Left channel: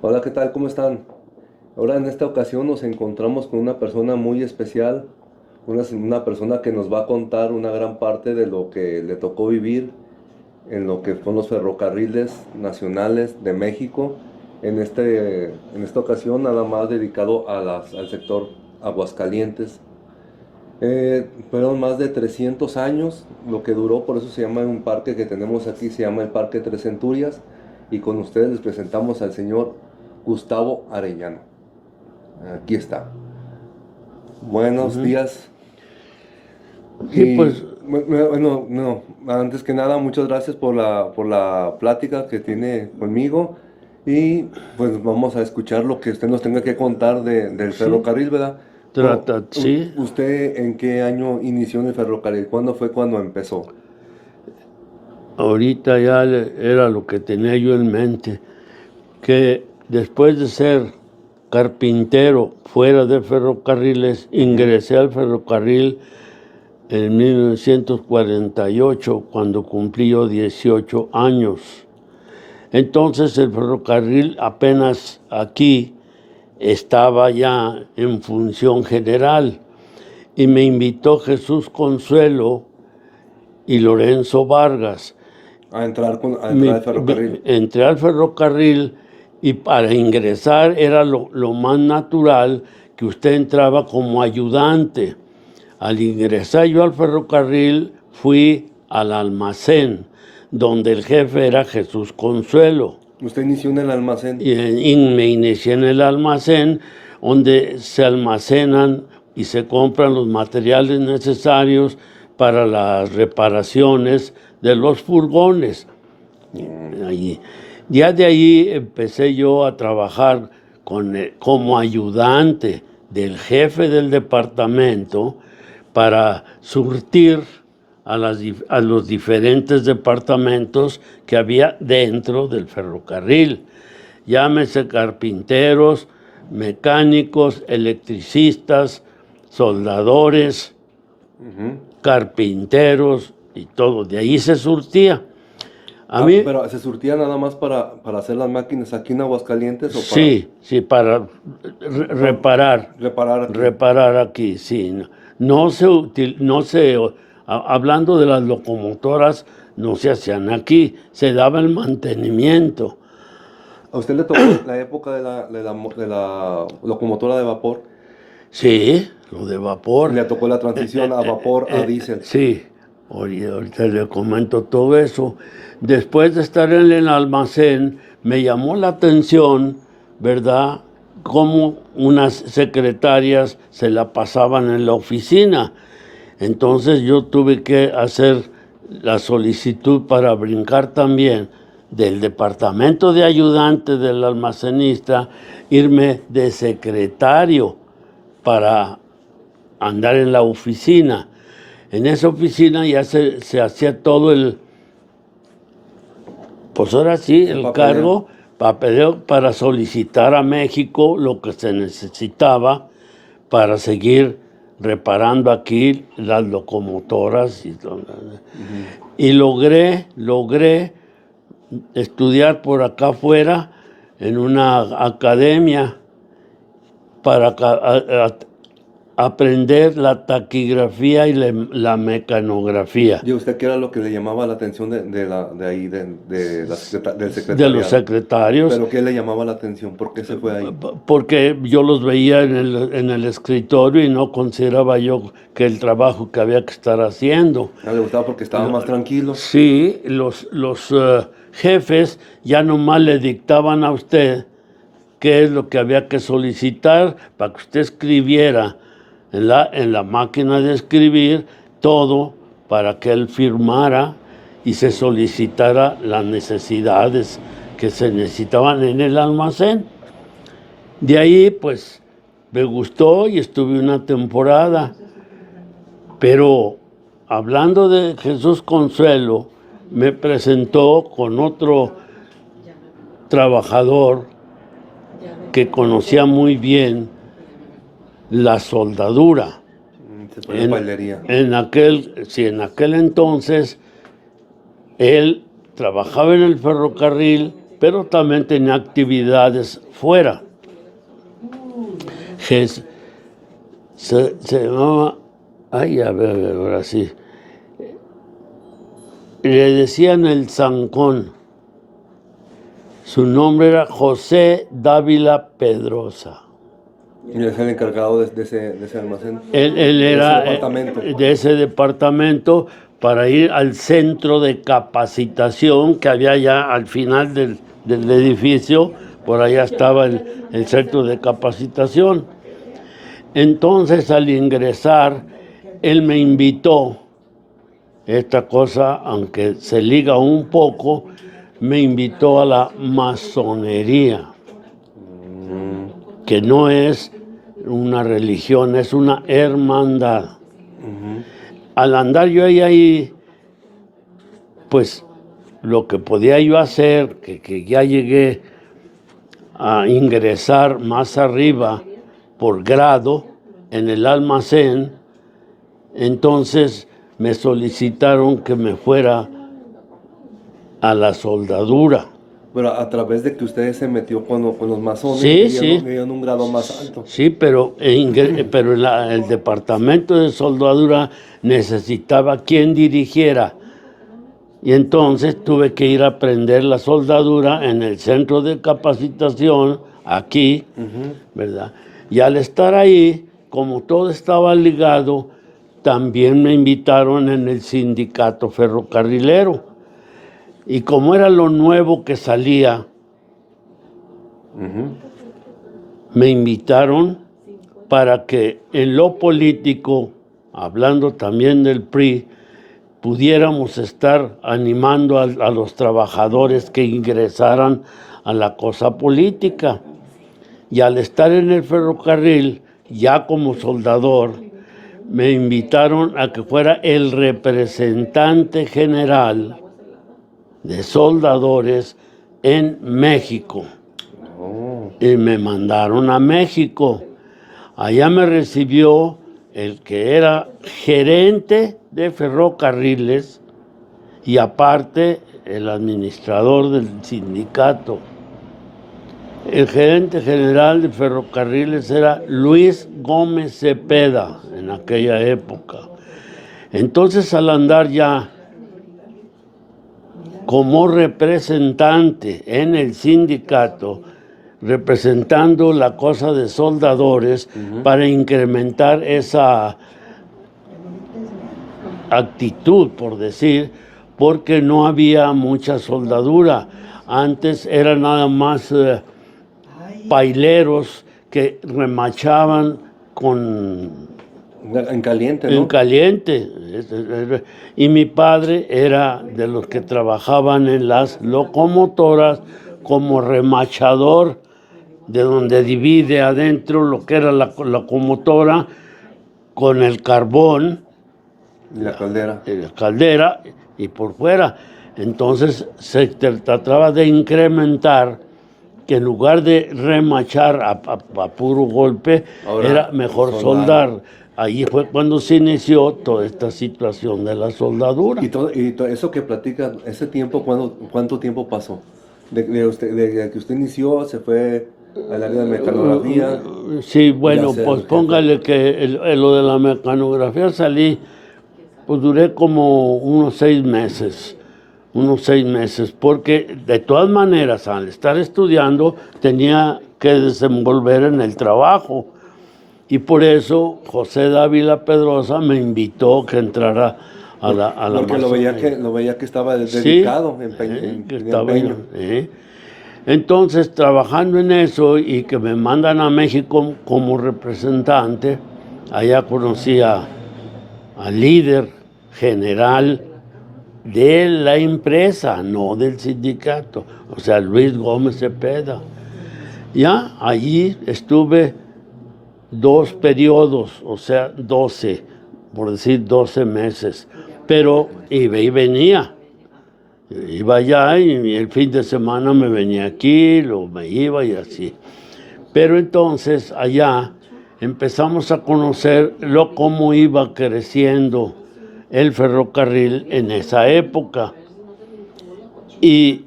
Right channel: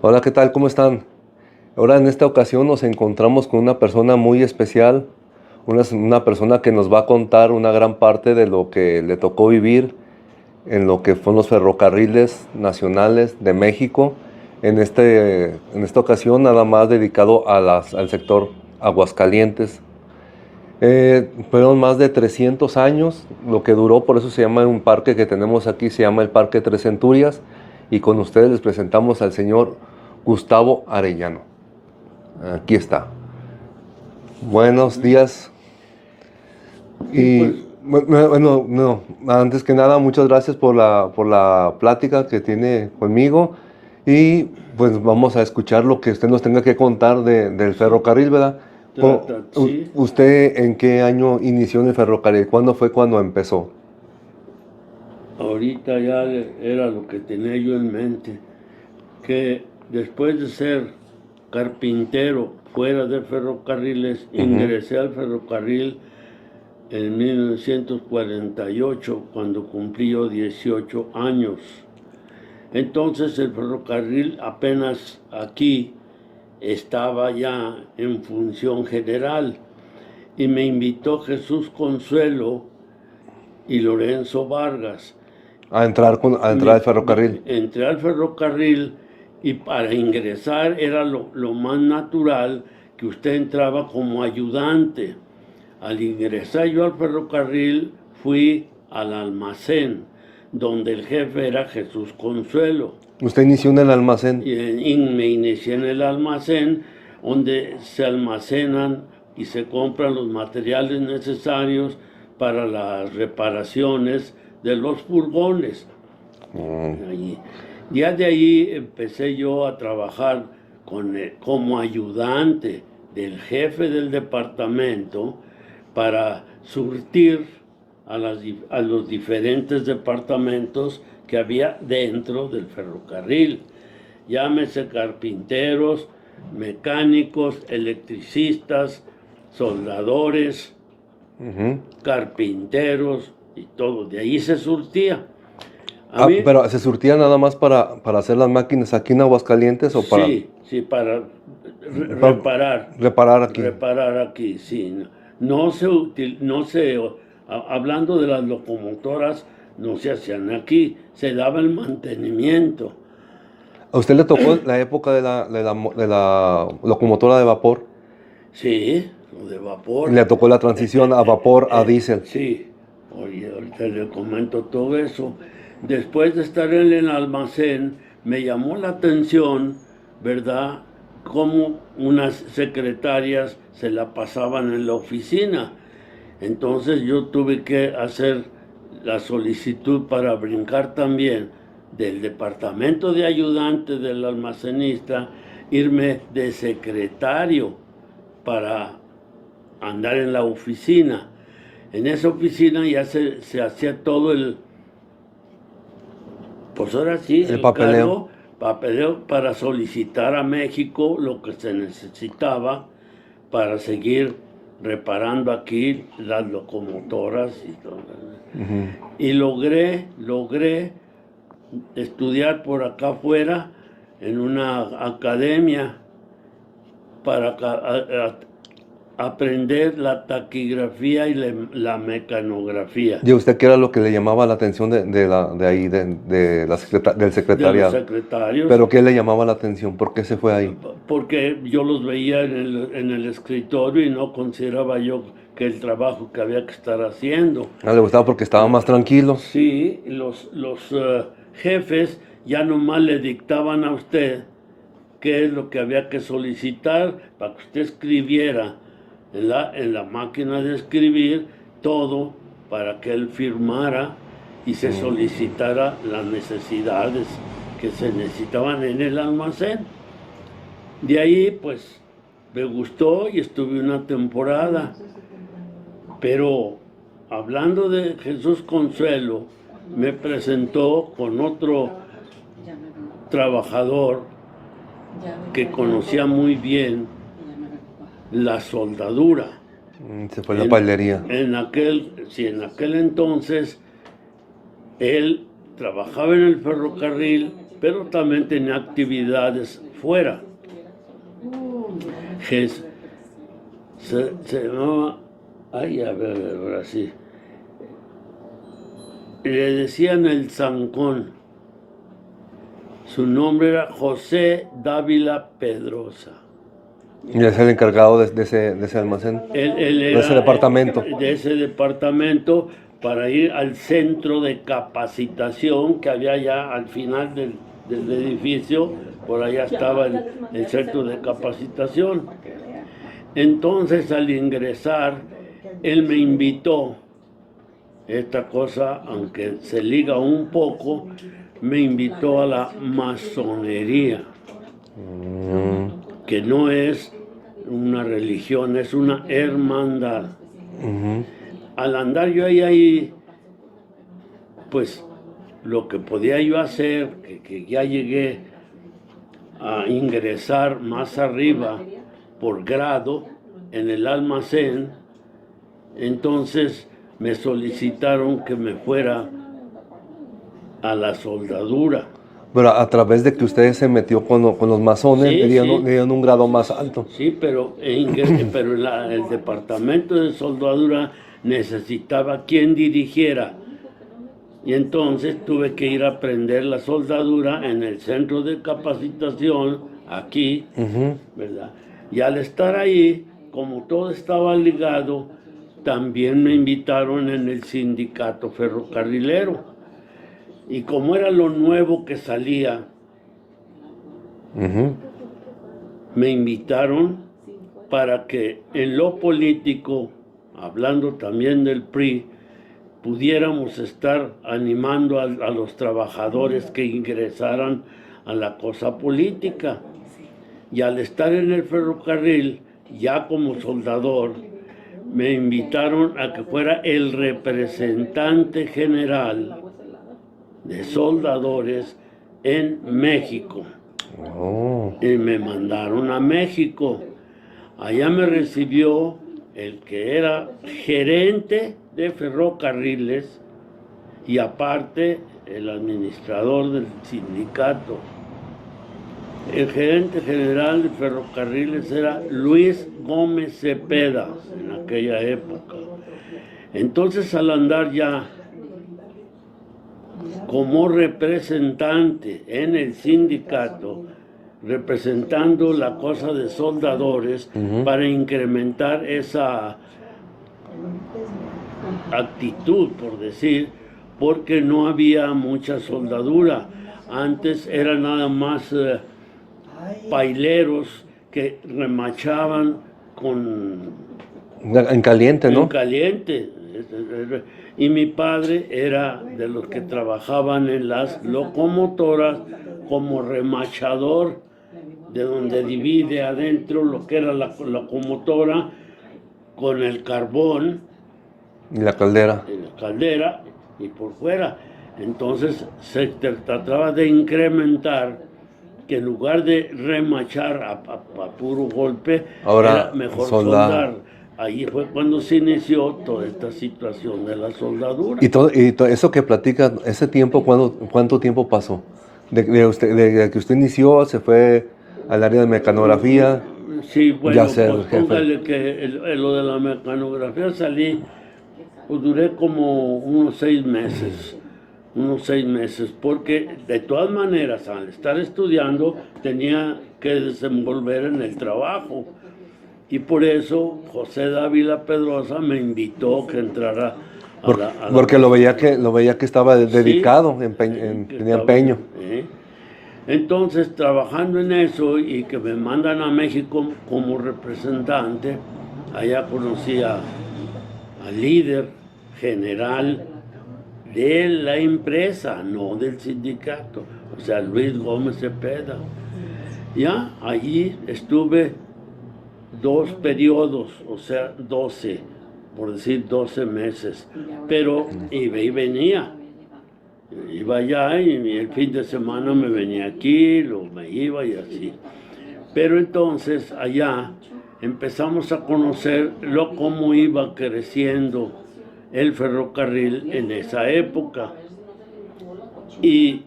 Hola, ¿qué tal? ¿Cómo están? Ahora en esta ocasión nos encontramos con una persona muy especial, una persona que nos va a contar una gran parte de lo que le tocó vivir en lo que fueron los ferrocarriles nacionales de México. En esta ocasión nada más dedicado al sector Aguascalientes. Fueron más de 300 años lo que duró, por eso se llama un parque que tenemos aquí, se llama el Parque Tres Centurias, y con ustedes les presentamos al señor Gustavo Arellano. Aquí está. Buenos Ujú. días. Sí, Y pues, bueno, no, antes que nada, muchas gracias por la plática que tiene conmigo. Y pues vamos a escuchar lo que usted nos tenga que contar del sí, ferrocarril, ¿verdad? sí. ¿Usted en qué año inició en el ferrocarril? ¿Cuándo fue cuando empezó? Ahorita ya era lo que tenía yo en mente, que después de ser carpintero fuera de ferrocarriles, Ujú. ingresé al ferrocarril en 1948, cuando cumplí yo 18 años. Entonces el ferrocarril apenas aquí estaba ya en función general y me invitó Jesús Consuelo y Lorenzo Vargas. A entrar al ferrocarril. Entré al ferrocarril y para ingresar era lo más natural que usted entraba como ayudante. Al ingresar yo al ferrocarril fui al almacén, donde el jefe era Jesús Consuelo. Usted inició en el almacén. Y me inicié en el almacén, donde se almacenan y se compran los materiales necesarios para las reparaciones de los furgones. Allí. Ya de ahí empecé yo a trabajar como ayudante del jefe del departamento para surtir a los diferentes departamentos que había dentro del ferrocarril. Llámese carpinteros, mecánicos, electricistas, soldadores, Ujú. carpinteros y todo. De ahí se surtía. A Ah, mí, pero ¿se surtía nada más para hacer las máquinas aquí en Aguascalientes o sí, sí, para para reparar, reparar aquí? reparar aquí, sí. Hablando de las locomotoras, no se hacían aquí, se daba el mantenimiento. ¿A usted le tocó la época de la locomotora de vapor? Sí, lo de vapor. Le tocó la transición a vapor a diésel. Sí, ahorita le comento todo eso. Después de estar en el almacén, me llamó la atención, ¿verdad? Cómo unas secretarias se la pasaban en la oficina. Entonces yo tuve que hacer la solicitud para brincar también del departamento de ayudante del almacenista, irme de secretario para andar en la oficina. En esa oficina ya se hacía todo pues ahora sí, El el papeleo. papeleo para solicitar a México lo que se necesitaba para seguir reparando aquí las locomotoras y todo. Ujú. Y logré estudiar por acá afuera en una academia para aprender la taquigrafía y la mecanografía ¿Y a usted qué era lo que le llamaba la atención de ahí, del de los secretariado? secretarios, ¿Pero qué le llamaba la atención? ¿Por qué se fue ahí? porque yo los veía en el escritorio y no consideraba yo que el trabajo que había que estar haciendo. No le gustaba porque estaba más tranquilo. Sí, los jefes ya nomás le dictaban a usted qué es lo que había que solicitar para que usted escribiera en la máquina de escribir todo para que él firmara y se solicitara las necesidades que se necesitaban en el almacén. De ahí, pues, me gustó y estuve una temporada. Pero hablando de Jesús Consuelo, me presentó con otro trabajador que conocía muy bien la soldadura. Se fue a la pailería. Sí, en aquel entonces él trabajaba en el ferrocarril pero también tenía actividades fuera. Se llamaba, ay, a ver, ahora sí, le decían el Zancón. Su nombre era José Dávila Pedrosa. Y es el encargado de ese almacén. Él De era ese departamento. de ese departamento para ir al centro de capacitación que había ya al final del edificio. Por allá estaba el centro de capacitación. Entonces, al ingresar, él me invitó, esta cosa, aunque se liga un poco, me invitó a la masonería, que no es una religión, es una hermandad. Al andar yo ahí, pues lo que podía yo hacer, que ya llegué a ingresar más arriba por grado en el almacén, entonces me solicitaron que me fuera a la soldadura. Pero a través de que usted se metió con los masones, Sí, le sí. dieron un grado más alto. Sí, pero el departamento de soldadura necesitaba quien dirigiera. Y entonces tuve que ir a aprender la soldadura en el centro de capacitación, aquí, ¿verdad? Y al estar ahí, como todo estaba ligado, también me invitaron en el sindicato ferrocarrilero. Y como era lo nuevo que salía, me invitaron para que en lo político, hablando también del PRI, pudiéramos estar animando a los trabajadores que ingresaran a la cosa política. Y al estar en el ferrocarril, ya como soldador, me invitaron a que fuera el representante general de soldadores en México. Y me mandaron a México. Allá me recibió el que era gerente de ferrocarriles y aparte el administrador del sindicato. El gerente general de ferrocarriles era Luis Gómez Cepeda en aquella época. Entonces, al andar ya como representante en el sindicato, representando la cosa de soldadores para incrementar esa actitud, por decir, porque no había mucha soldadura. Antes era nada más paileros que remachaban en caliente, ¿no? en caliente. Y mi padre era de los que trabajaban en las locomotoras como remachador, de donde divide adentro lo que era la locomotora con el carbón. Y la caldera. La caldera y por fuera. Entonces se trataba de incrementar, que en lugar de remachar a puro golpe, ahora, era mejor soldar. Ahí fue cuando se inició toda esta situación de la soldadura. Y todo eso que platica, ese tiempo, ¿cuánto tiempo pasó? De que usted inició, se fue al área de mecanografía. Sí, bueno, pues póngale que lo de la mecanografía salí, pues duré como unos 6 meses, porque de todas maneras, al estar estudiando, tenía que desenvolver en el trabajo. Y por eso José Dávila Pedrosa me invitó que entrara a la porque lo veía que estaba dedicado, tenía empeño. Entonces, trabajando en eso y que me mandan a México como representante, allá conocí al líder general de la empresa, no del sindicato, o sea, Luis Gómez Cepeda. Ya allí estuve 2 periodos, o sea, 12, por decir 12 meses, pero iba y venía. Iba allá y el fin de semana me venía aquí, luego me iba y así. Pero entonces allá empezamos a conocer cómo iba creciendo el ferrocarril en esa época. Y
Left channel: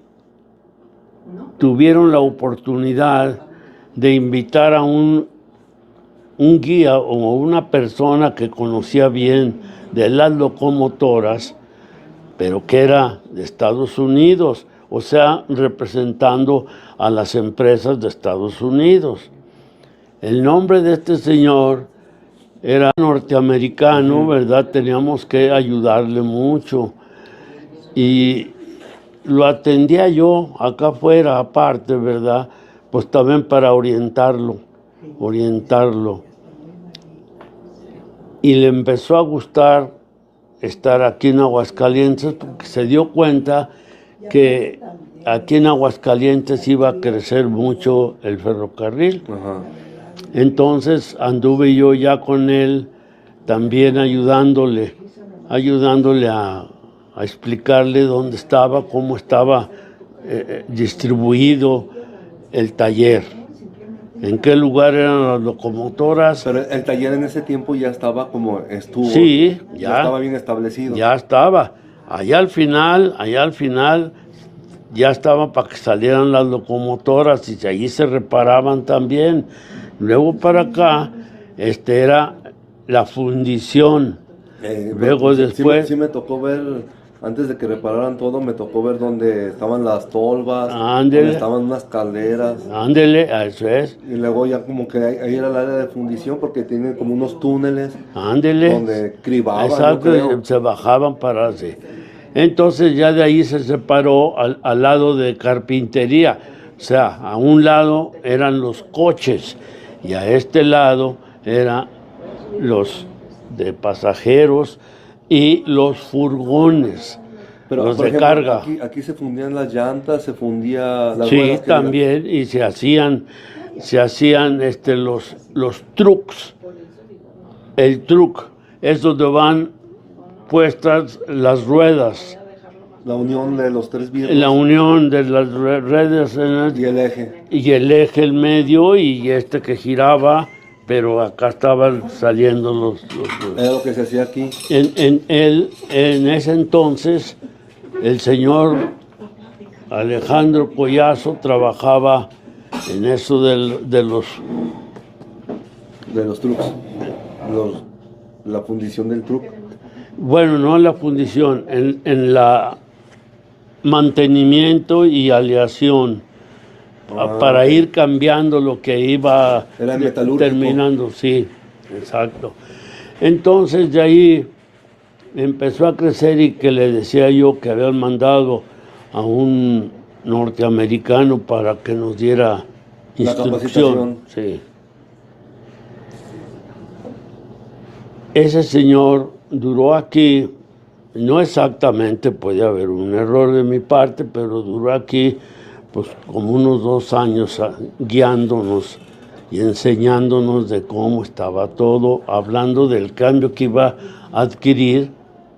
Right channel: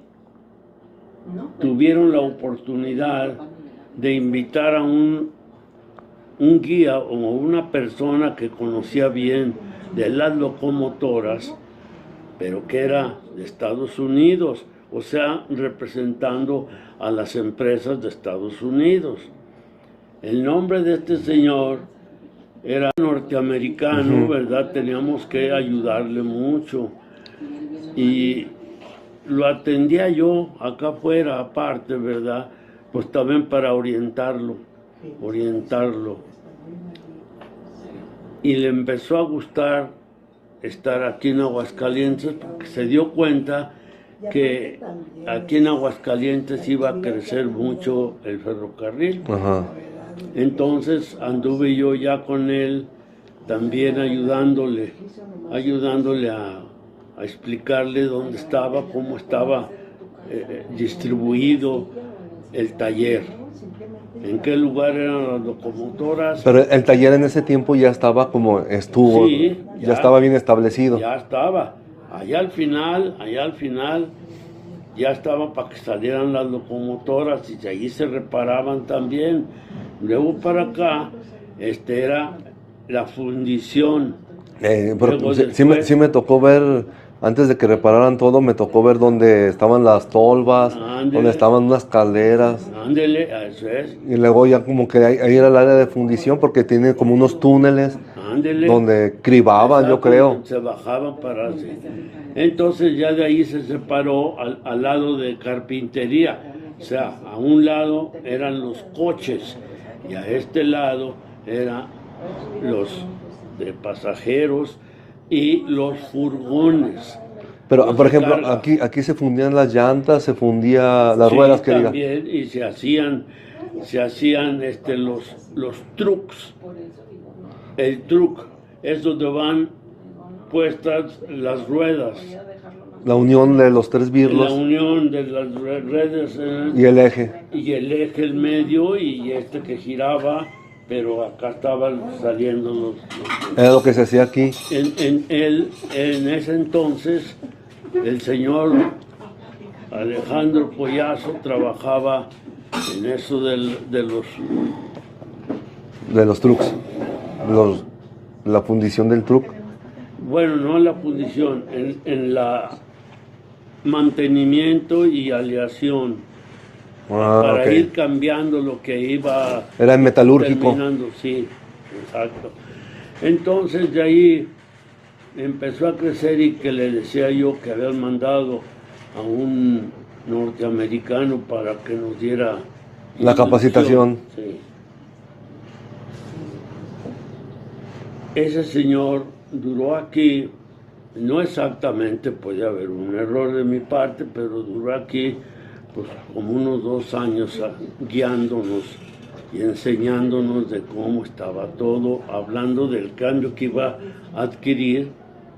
tuvieron la oportunidad de invitar a un guía o una persona que conocía bien de las locomotoras, pero que era de Estados Unidos, o sea, representando a las empresas de Estados Unidos. El nombre de este señor era norteamericano, ¿verdad? Teníamos que ayudarle mucho. Y lo atendía yo acá afuera, aparte, ¿verdad? Pues también para orientarlo. Y le empezó a gustar estar aquí en Aguascalientes porque se dio cuenta que aquí en Aguascalientes iba a crecer mucho el ferrocarril. Ajá. Entonces anduve yo ya con él también ayudándole a explicarle dónde estaba, cómo estaba distribuido el taller, en qué lugar eran las locomotoras. Pero el taller en ese tiempo ya estaba como estuvo. Sí, ya estaba bien establecido. Ya estaba. Allá al final, ya estaba para que salieran las locomotoras y allí se reparaban también. Luego para acá, era la fundición. Luego después, sí me tocó ver, antes de que repararan todo, me tocó ver donde estaban las tolvas, Ándele. donde estaban unas calderas. ándele, eso es, Y luego ya como que ahí era el área de fundición porque tiene como unos túneles ándele. donde cribaban, yo Exacto, creo. se bajaban para así. Entonces ya de ahí se separó al lado de carpintería. O sea, a un lado eran los coches y a este lado eran los de pasajeros y los furgones. Pero, los por de ejemplo, carga. aquí se fundían las llantas, se fundía las Sí, ruedas que diga. también, y se hacían los trucks. El truck es donde van puestas las ruedas, La unión de los tres birlos la unión de las redes y el eje. y el eje en medio y que giraba, pero acá estaban saliendo los Era lo que se hacía aquí. en ese entonces el señor Alejandro Collazo trabajaba en eso de los De los trucks. La fundición del truck. bueno, no en la fundición, en la mantenimiento y aleación para Ok. ir cambiando lo que iba Era en metalúrgico. terminando, sí, exacto. Entonces de ahí empezó a crecer y que le decía yo que habían mandado a un norteamericano para que nos diera La instrucción. capacitación. Sí. Ese señor duró aquí, no exactamente, puede haber un error de mi parte, pero duró aquí pues como unos 2 años guiándonos y enseñándonos de cómo estaba todo, hablando del cambio que iba a adquirir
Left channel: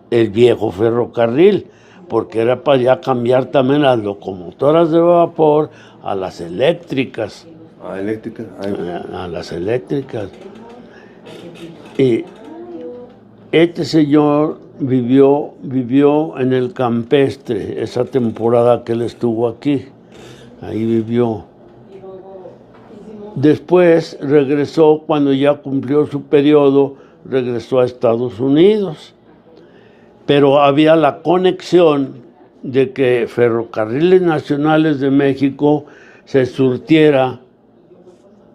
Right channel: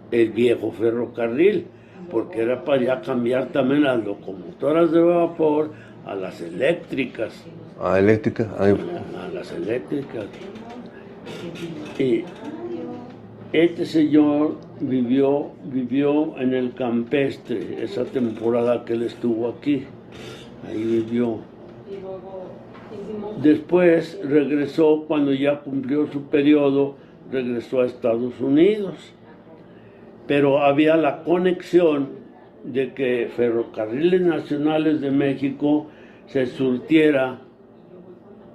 el viejo ferrocarril, porque era para ya cambiar también las locomotoras de vapor a las eléctricas, Ah, eléctrica. a las eléctricas. Y este señor vivió en el campestre esa temporada que él estuvo aquí. Ahí vivió. Después regresó, cuando ya cumplió su periodo, regresó a Estados Unidos. Pero había la conexión de que Ferrocarriles Nacionales de México se surtiera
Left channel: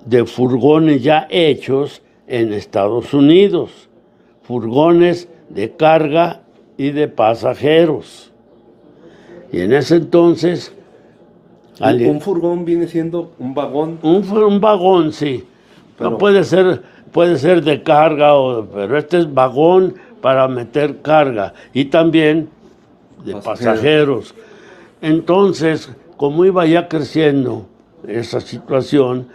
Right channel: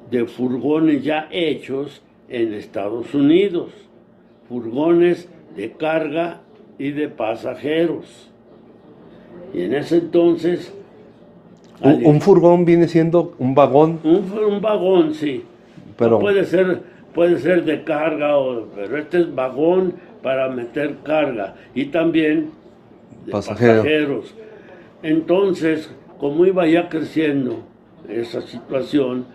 de furgones ya hechos en Estados Unidos. Furgones de carga y de pasajeros. Y en ese entonces... Un furgón viene siendo un vagón. Un vagón, sí. Pero, No puede ser de carga, pero este es vagón para meter carga y también de pasajeros. Entonces, como iba ya creciendo esa situación,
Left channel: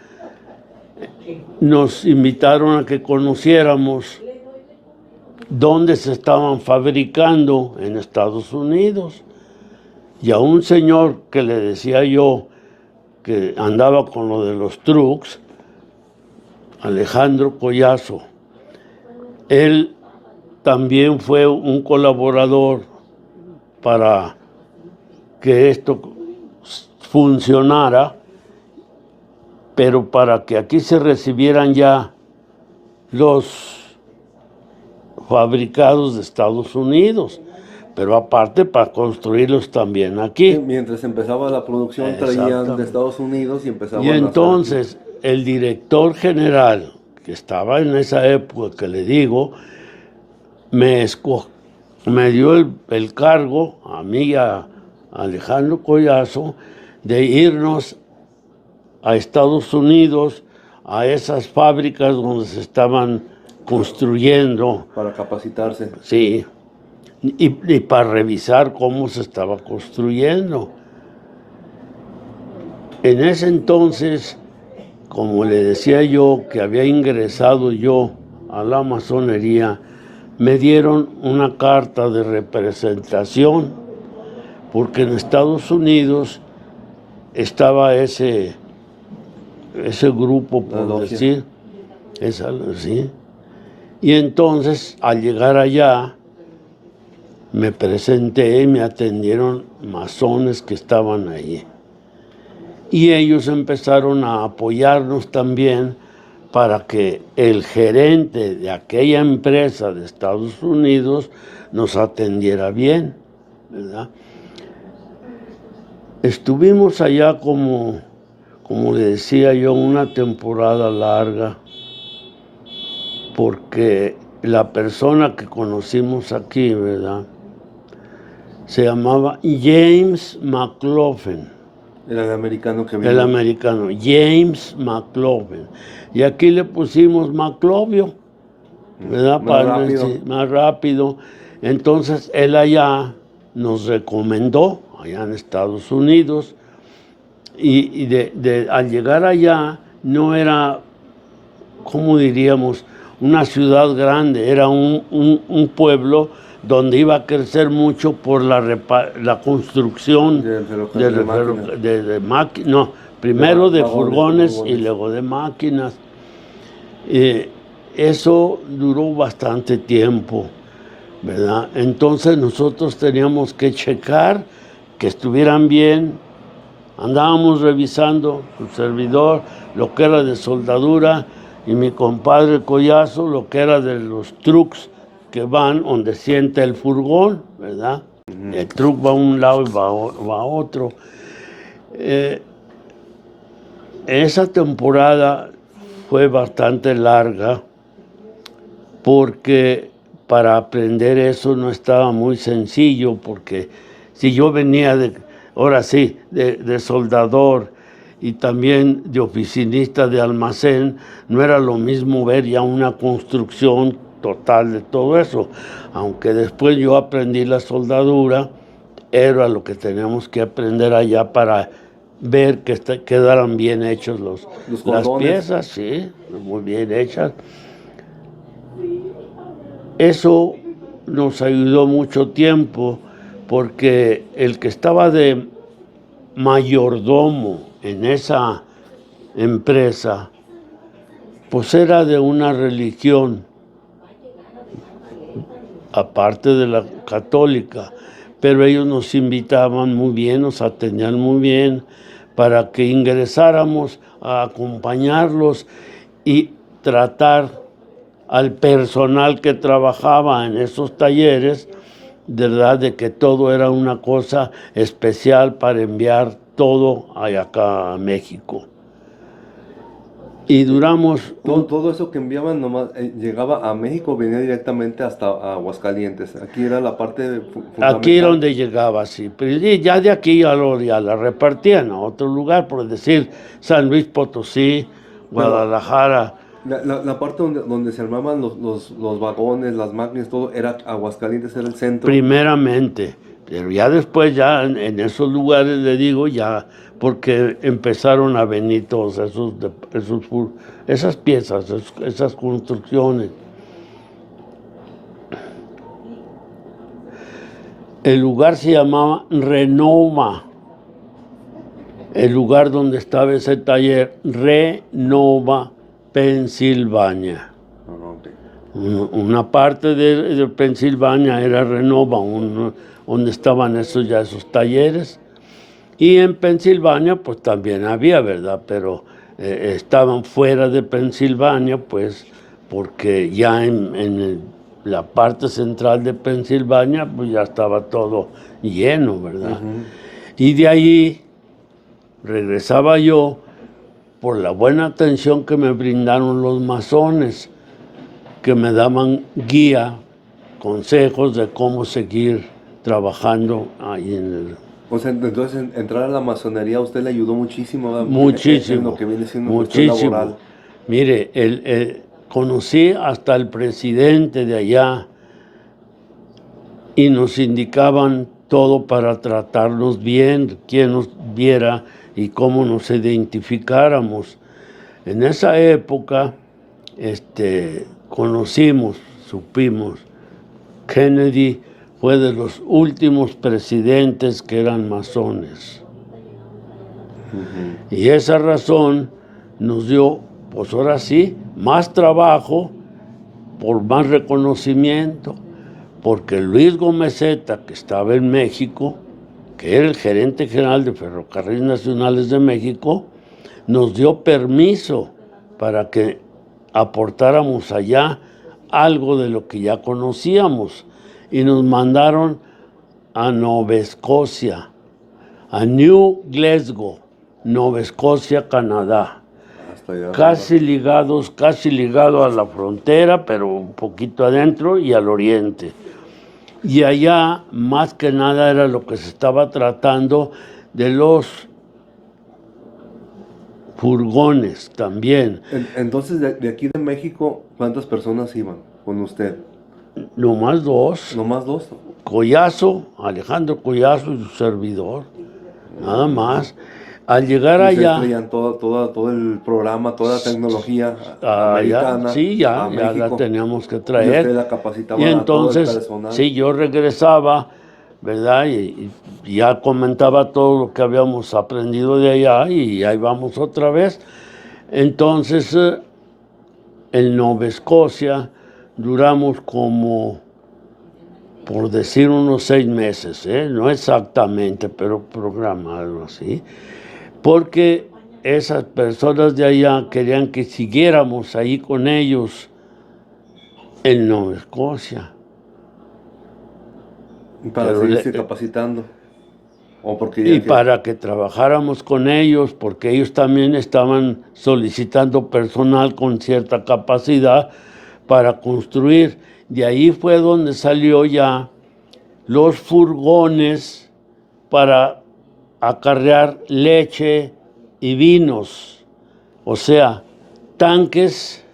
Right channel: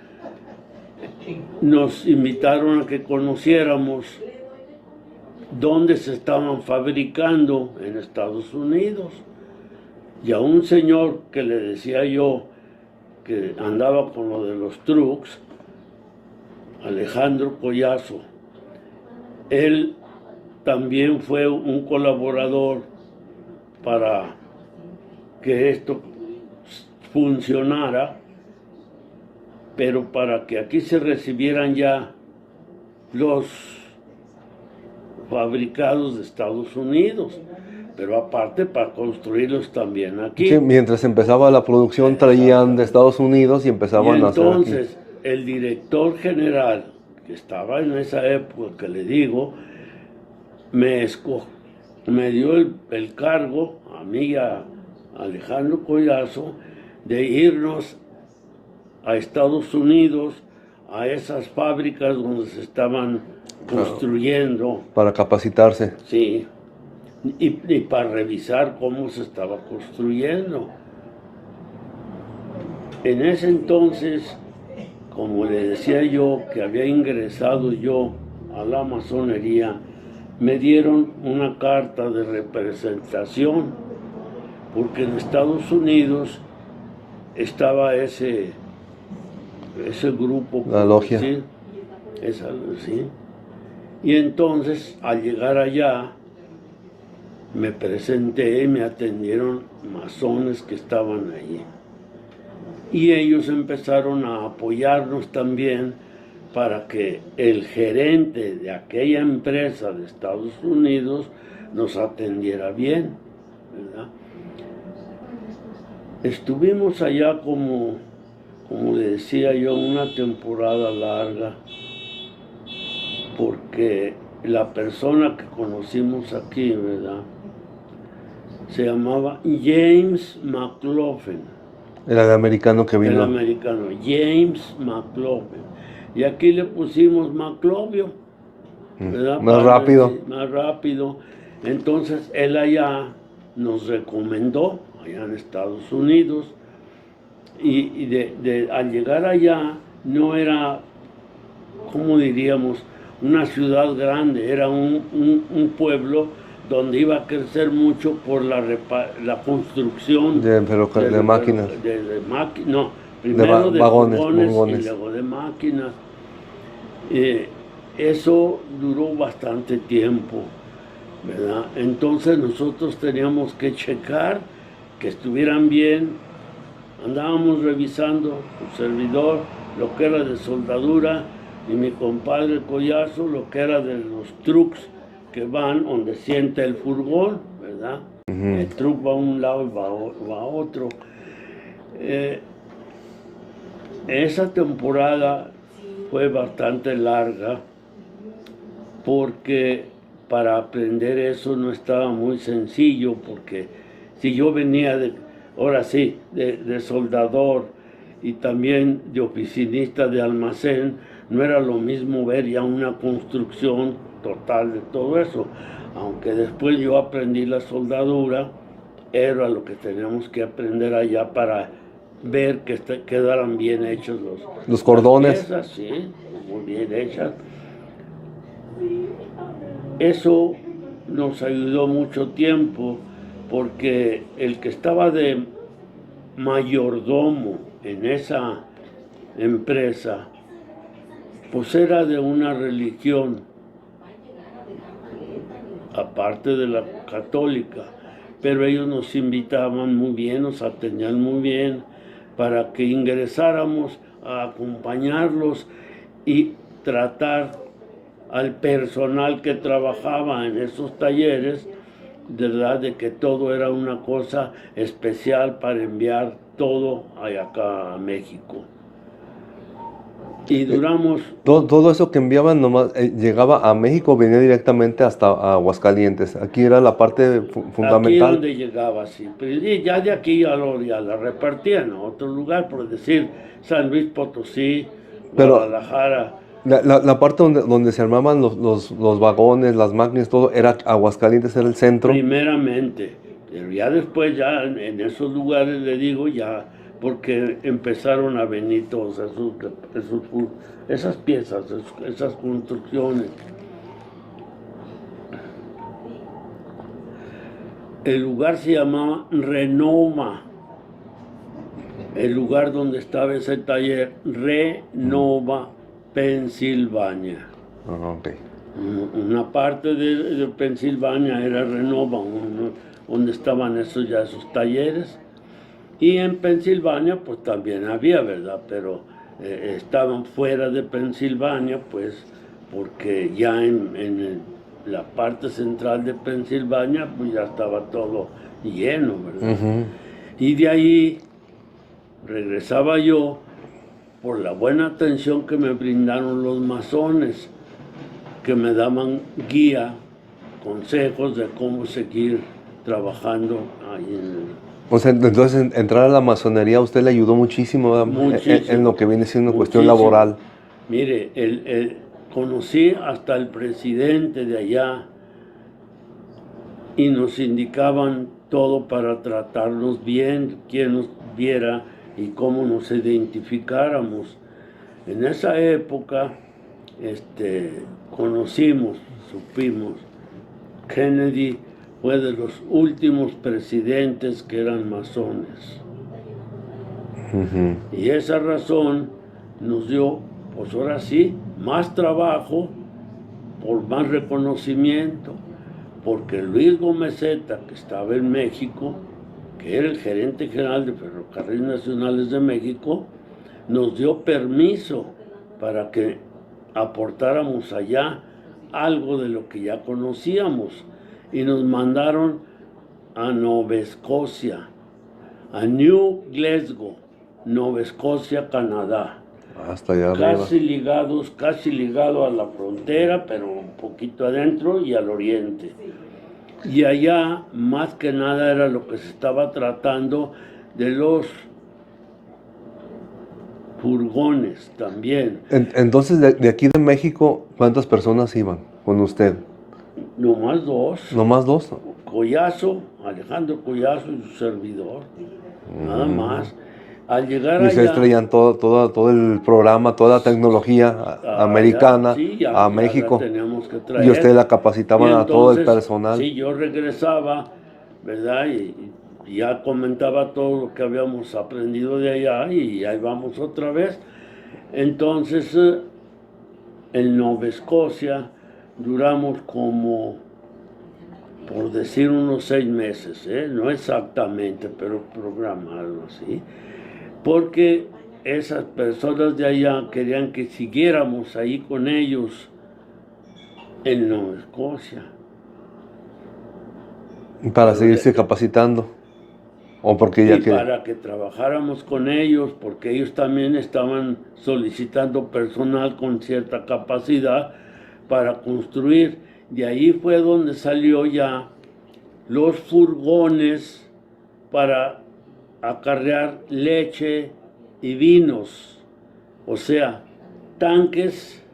nos invitaron a que conociéramos dónde se estaban fabricando en Estados Unidos. Y a un señor que le decía yo que andaba con lo de los trucks, Alejandro Collazo, él también fue un colaborador para que esto funcionara, pero para que aquí se recibieran ya los fabricados de Estados Unidos, pero aparte para construirlos también aquí. Sí, mientras empezaba la producción traían de Estados Unidos y empezaban Y a hacer entonces el director general, que estaba en esa época que le digo, me dio el cargo, a mí y a Alejandro Collazo, de irnos a Estados Unidos, a esas fábricas donde se estaban construyendo. para capacitarse. Sí, y para revisar cómo se estaba construyendo. En ese entonces, como le decía yo, que había ingresado yo a la masonería, me dieron una carta de representación, porque en Estados Unidos estaba ese grupo, La logia. decir, sí. Y entonces, al llegar allá, me presenté y me atendieron masones que estaban allí. Y ellos empezaron a apoyarnos también para que el gerente de aquella empresa de Estados Unidos nos atendiera bien, ¿verdad? Estuvimos allá como le decía yo, una temporada larga, porque la persona que conocimos aquí, ¿verdad?, se llamaba James McLaughlin. Era el americano que vino. El americano, James McLaughlin. Y aquí le pusimos Maclovio, ¿verdad? Más rápido. Más rápido. Entonces él allá nos recomendó, allá en Estados Unidos, y al llegar allá no era, ¿cómo diríamos?, una ciudad grande, era un pueblo donde iba a crecer mucho por la construcción de máquinas. No, primero de furgones y luego de máquinas. Eso duró bastante tiempo, ¿verdad? Entonces nosotros teníamos que checar que estuvieran bien. Andábamos revisando, su servidor, lo que era de soldadura, y mi compadre Collazo, lo que era de los trucks que van donde sienta el furgón, ¿verdad? Uh-huh. El truck va a un lado y va a otro. Esa temporada fue bastante larga, porque para aprender eso no estaba muy sencillo, porque si yo venía de soldador y también de oficinista de almacén, no era lo mismo ver ya una construcción total de todo eso. Aunque después yo aprendí la soldadura, era lo que teníamos que aprender allá para ver que quedaran bien hechos los cordones. Las piezas, sí, muy bien hechas. Eso nos ayudó mucho tiempo, porque el que estaba de mayordomo en esa empresa, pues era de una religión, aparte de la católica, pero ellos nos invitaban muy bien, nos atendían muy bien, para que ingresáramos a acompañarlos y tratar al personal que trabajaba en esos talleres, de verdad, de que todo era una cosa especial para enviar todo acá a México. Y duramos... Todo eso que enviaban nomás llegaba a México, venía directamente hasta Aguascalientes. Aquí era la parte fundamental. Aquí donde llegaba, sí. Pero ya de aquí ya la repartían a otro lugar, por decir San Luis Potosí, Guadalajara. La parte donde se armaban los vagones, las máquinas, todo, era Aguascalientes, era el centro. Primeramente, pero ya después, ya en esos lugares, le digo, ya, porque empezaron a venir todas esas piezas, esas construcciones. El lugar se llamaba Renova. El lugar donde estaba ese taller, Renova, Pensilvania. Okay. Una parte de Pensilvania era Renova, donde estaban esos talleres. Y en Pensilvania, pues también había, ¿verdad? Pero estaban fuera de Pensilvania, pues, porque ya la parte central de Pensilvania, pues ya estaba todo lleno, ¿verdad? Y de ahí regresaba yo por la buena atención que me brindaron los masones, que me daban guía, consejos de cómo seguir trabajando ahí en el... O sea, entonces entrar a la masonería a usted le ayudó muchísimo, ¿verdad? Muchísimo. En lo que viene siendo cuestión Muchísimo. laboral. Mire, conocí hasta el presidente de allá y nos indicaban todo para tratarnos bien, quién nos viera y cómo nos identificáramos. En esa época, supimos, Kennedy fue de los últimos presidentes que eran masones. Y esa razón nos dio, pues ahora sí, más trabajo por más reconocimiento, porque Luis Gomezeta, que estaba en México, que era el gerente general de Ferrocarriles Nacionales de México, nos dio permiso para que aportáramos allá algo de lo que ya conocíamos y nos mandaron a Nueva Escocia, a New Glasgow, Nueva Escocia, Canadá. Hasta allá Casi ligado a la frontera, pero un poquito adentro y al oriente. Y allá, más que nada, era lo que se estaba tratando de los furgones también. Entonces, de aquí de México, ¿cuántas personas iban con usted? Nomás dos. ¿Nomás dos? Collazo, Alejandro Collazo y su servidor. Nada más. Al llegar Y ustedes allá... traían todo el programa, toda la tecnología americana sí, ya a México. la teníamos que traer. Y ustedes la capacitaban a todo el Entonces, personal. sí, yo regresaba, ¿verdad? Y ya comentaba todo lo que habíamos aprendido de allá y ahí vamos otra vez. Entonces, en Nueva Escocia duramos como, por decir, unos 6 meses, no exactamente, pero programado así, porque esas personas de allá querían que siguiéramos ahí con ellos en Nueva Escocia. Para Pero seguirse capacitando. O porque ya y para que trabajáramos con ellos, porque ellos también estaban solicitando personal con cierta capacidad para construir. De ahí fue donde salió ya los furgones para acarrear leche y vinos. O sea, tanques,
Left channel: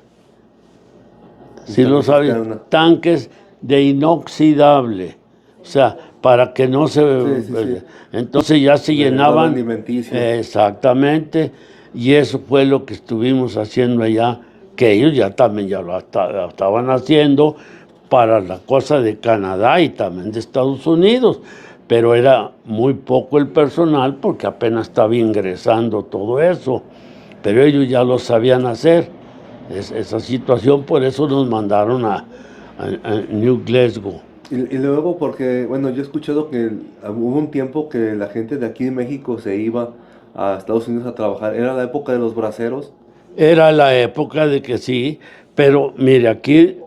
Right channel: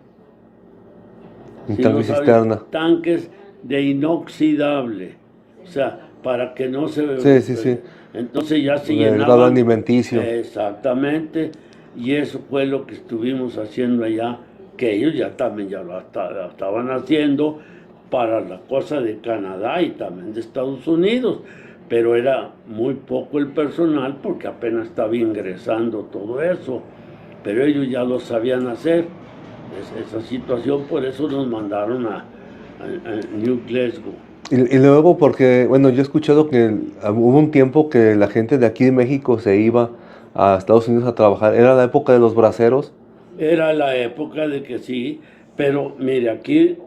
si lo sabes, tanques de inoxidable. O sea, para que no se... Sí. Entonces ya se llenaban... alimenticio. Exactamente. Y eso fue lo que estuvimos haciendo allá, que ellos ya también ya lo estaban haciendo para la cosa de Canadá y también de Estados Unidos. Pero era muy poco el personal porque apenas estaba ingresando todo eso. Pero ellos ya lo sabían hacer. Esa situación, por eso nos mandaron a New Glasgow. Y luego porque, bueno, yo he escuchado que hubo un tiempo que la gente de aquí de México se iba a Estados Unidos a trabajar. ¿Era la época de los braceros? Era la época de que sí, pero mire, aquí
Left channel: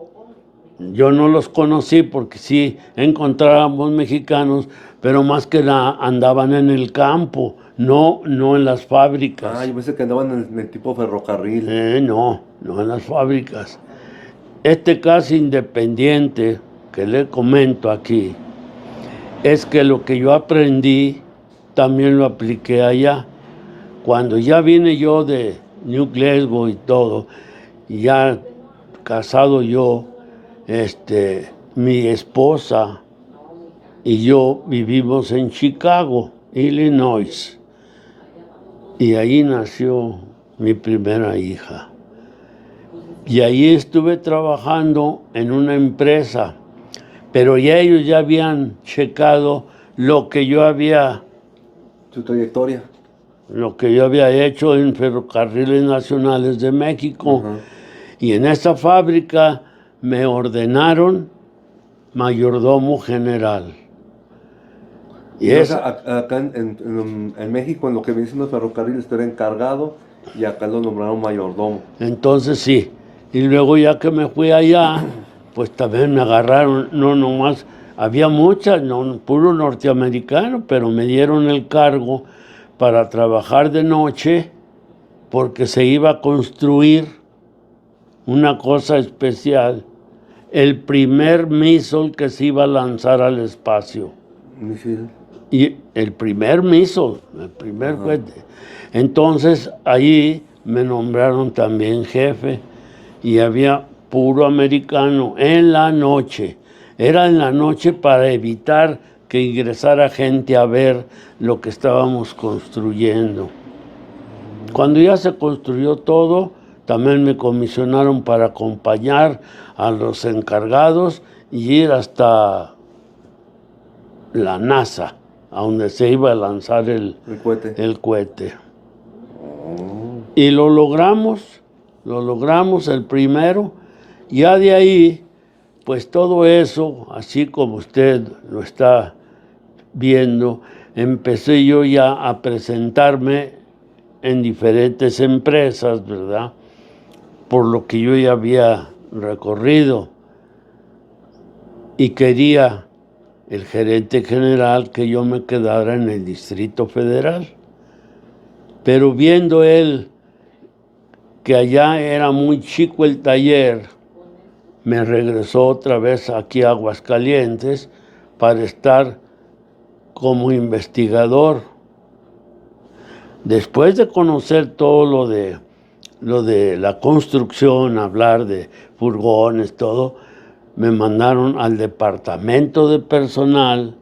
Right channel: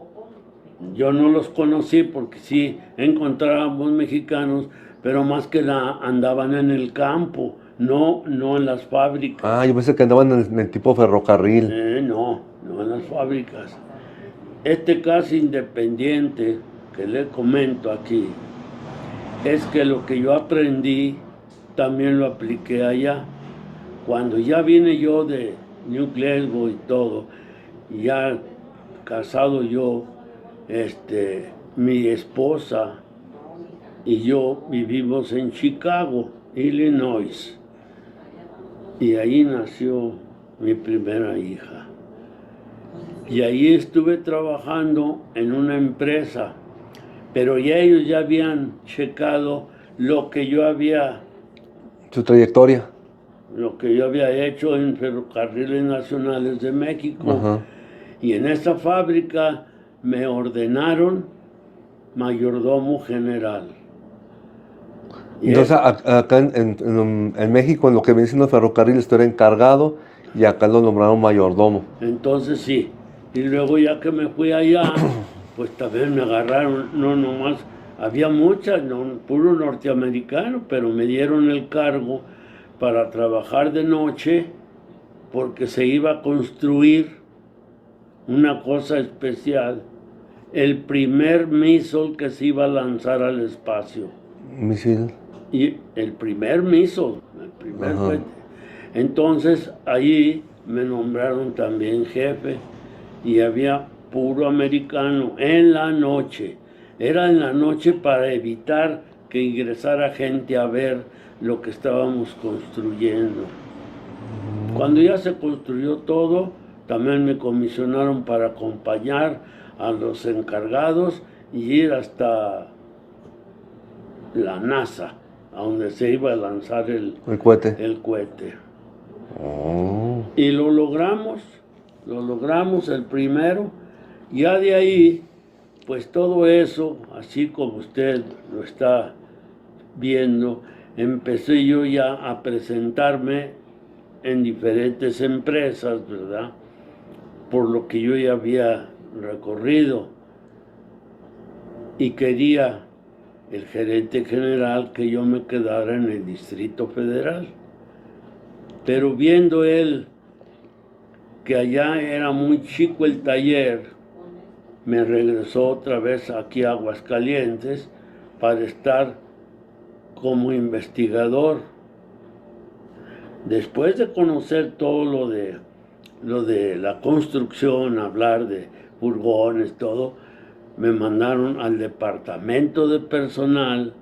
yo no los conocí porque sí encontrábamos mexicanos, pero más que nada andaban en el campo, no en las fábricas. Ah, yo pensé que andaban en el tipo ferrocarril. No en las fábricas. Este caso independiente que le comento aquí es que lo que yo aprendí también lo apliqué allá. Cuando ya vine yo de New Glasgow y todo, y ya casado yo, mi esposa y yo vivimos en Chicago, Illinois, y ahí nació mi primera hija. Y ahí estuve trabajando en una empresa, pero ya ellos ya habían checado lo que yo había... Su trayectoria. Lo que yo había hecho en Ferrocarriles Nacionales de México. Ajá. Y en esa fábrica me ordenaron mayordomo general. Y Entonces, es, acá en México, en lo que viene siendo ferrocarril, tú eres encargado y acá lo nombraron mayordomo. entonces sí. Y luego ya que me fui allá, pues también me agarraron, no nomás, había muchas, no, puro norteamericano, pero me dieron el cargo para trabajar de noche porque se iba a construir una cosa especial, el primer missile que se iba a lanzar al espacio. Misil. Y el primer missile, el primer Ajá. cohete. Entonces ahí me nombraron también jefe y había puro americano en la noche. Era en la noche para evitar que ingresara gente a ver lo que estábamos construyendo. Cuando ya se construyó todo, también me comisionaron para acompañar a los encargados y ir hasta la NASA, a donde se iba a lanzar El cohete. el cohete. Oh. Y lo logramos el primero. Ya de ahí, pues todo eso, así como usted lo está viendo, empecé yo ya a presentarme en diferentes empresas, ¿verdad? Por lo que yo ya había recorrido. Y quería el gerente general que yo me quedara en el Distrito Federal. Pero viendo él que allá era muy chico el taller, me regresó otra vez aquí a Aguascalientes para estar como investigador. Después de conocer todo lo de la construcción, hablar de furgones, todo, me mandaron al departamento de personal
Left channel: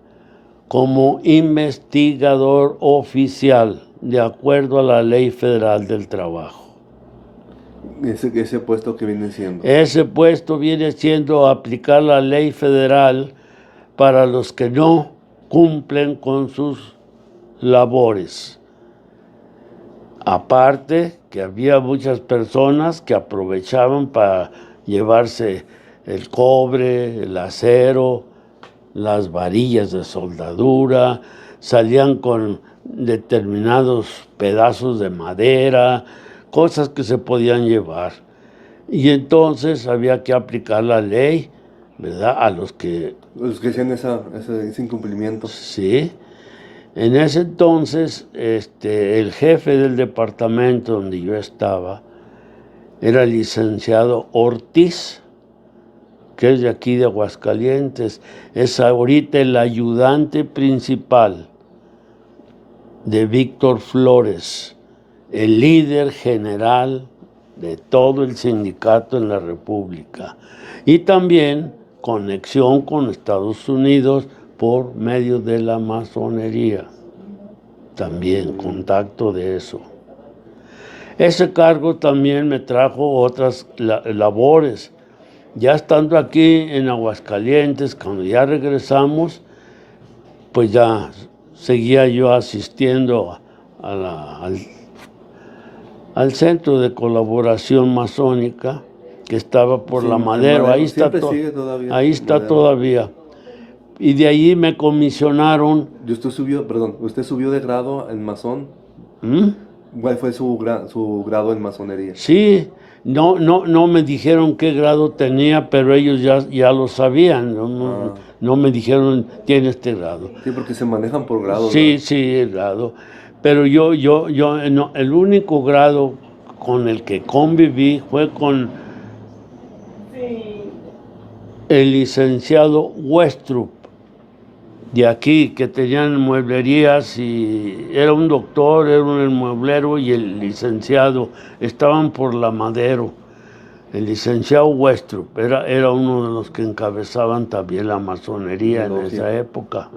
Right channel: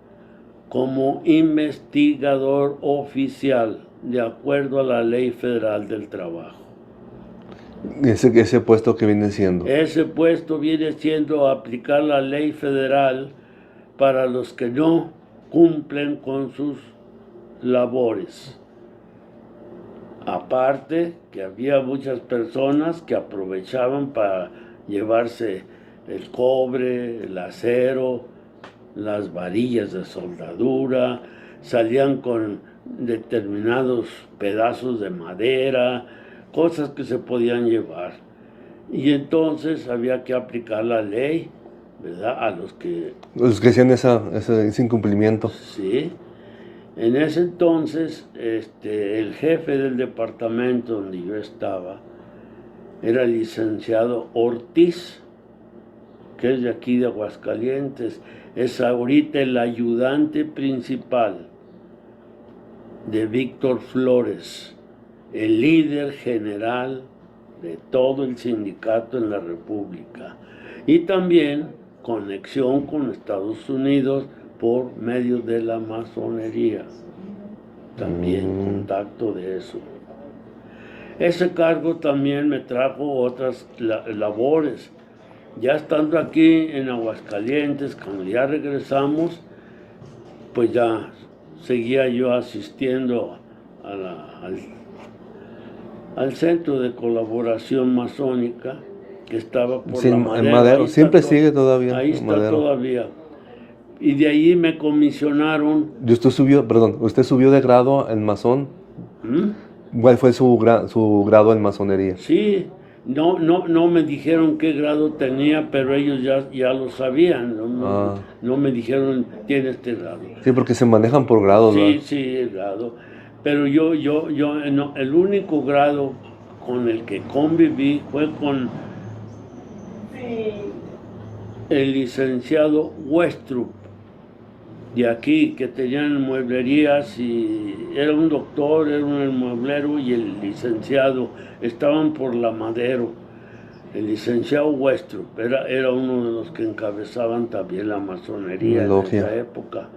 como investigador oficial, de acuerdo a la Ley Federal del Trabajo. Ese puesto que viene siendo. Ese puesto viene siendo aplicar la ley federal para los que no cumplen con sus labores. Aparte que había muchas personas que aprovechaban para llevarse el cobre, el acero, las varillas de soldadura, salían con determinados pedazos de madera, cosas que se podían llevar. Y entonces había que aplicar la ley, ¿verdad? A los que, Los que hacían ese incumplimiento. sí. En ese entonces, el jefe del departamento donde yo estaba era el licenciado Ortiz, que es de aquí de Aguascalientes. Es ahorita el ayudante principal de Víctor Flores, el líder general de todo el sindicato en la República. Y también conexión con Estados Unidos por medio de la masonería. También contacto de eso. Ese cargo también me trajo otras labores. Ya estando aquí en Aguascalientes, cuando ya regresamos, pues ya seguía yo asistiendo al Centro de Colaboración Masónica, que estaba por Sí, la en Madero. Ahí está, siempre sigue todavía. ahí está Madero. todavía. Y de allí me comisionaron. Y usted subió de grado en masón. ¿Mm? ¿Cuál fue su grado en masonería? Sí, no me dijeron qué grado tenía, pero ellos ya lo sabían. No me dijeron, tiene este grado. Sí, porque se manejan por grados, Sí, ¿verdad? sí, el grado. Pero no, el único grado con el que conviví fue con el licenciado Westrup, de aquí, que tenían mueblerías y era un doctor, era un mueblero y el licenciado estaban por la Madero. El licenciado Westrup era uno de los que encabezaban también la masonería en esa época.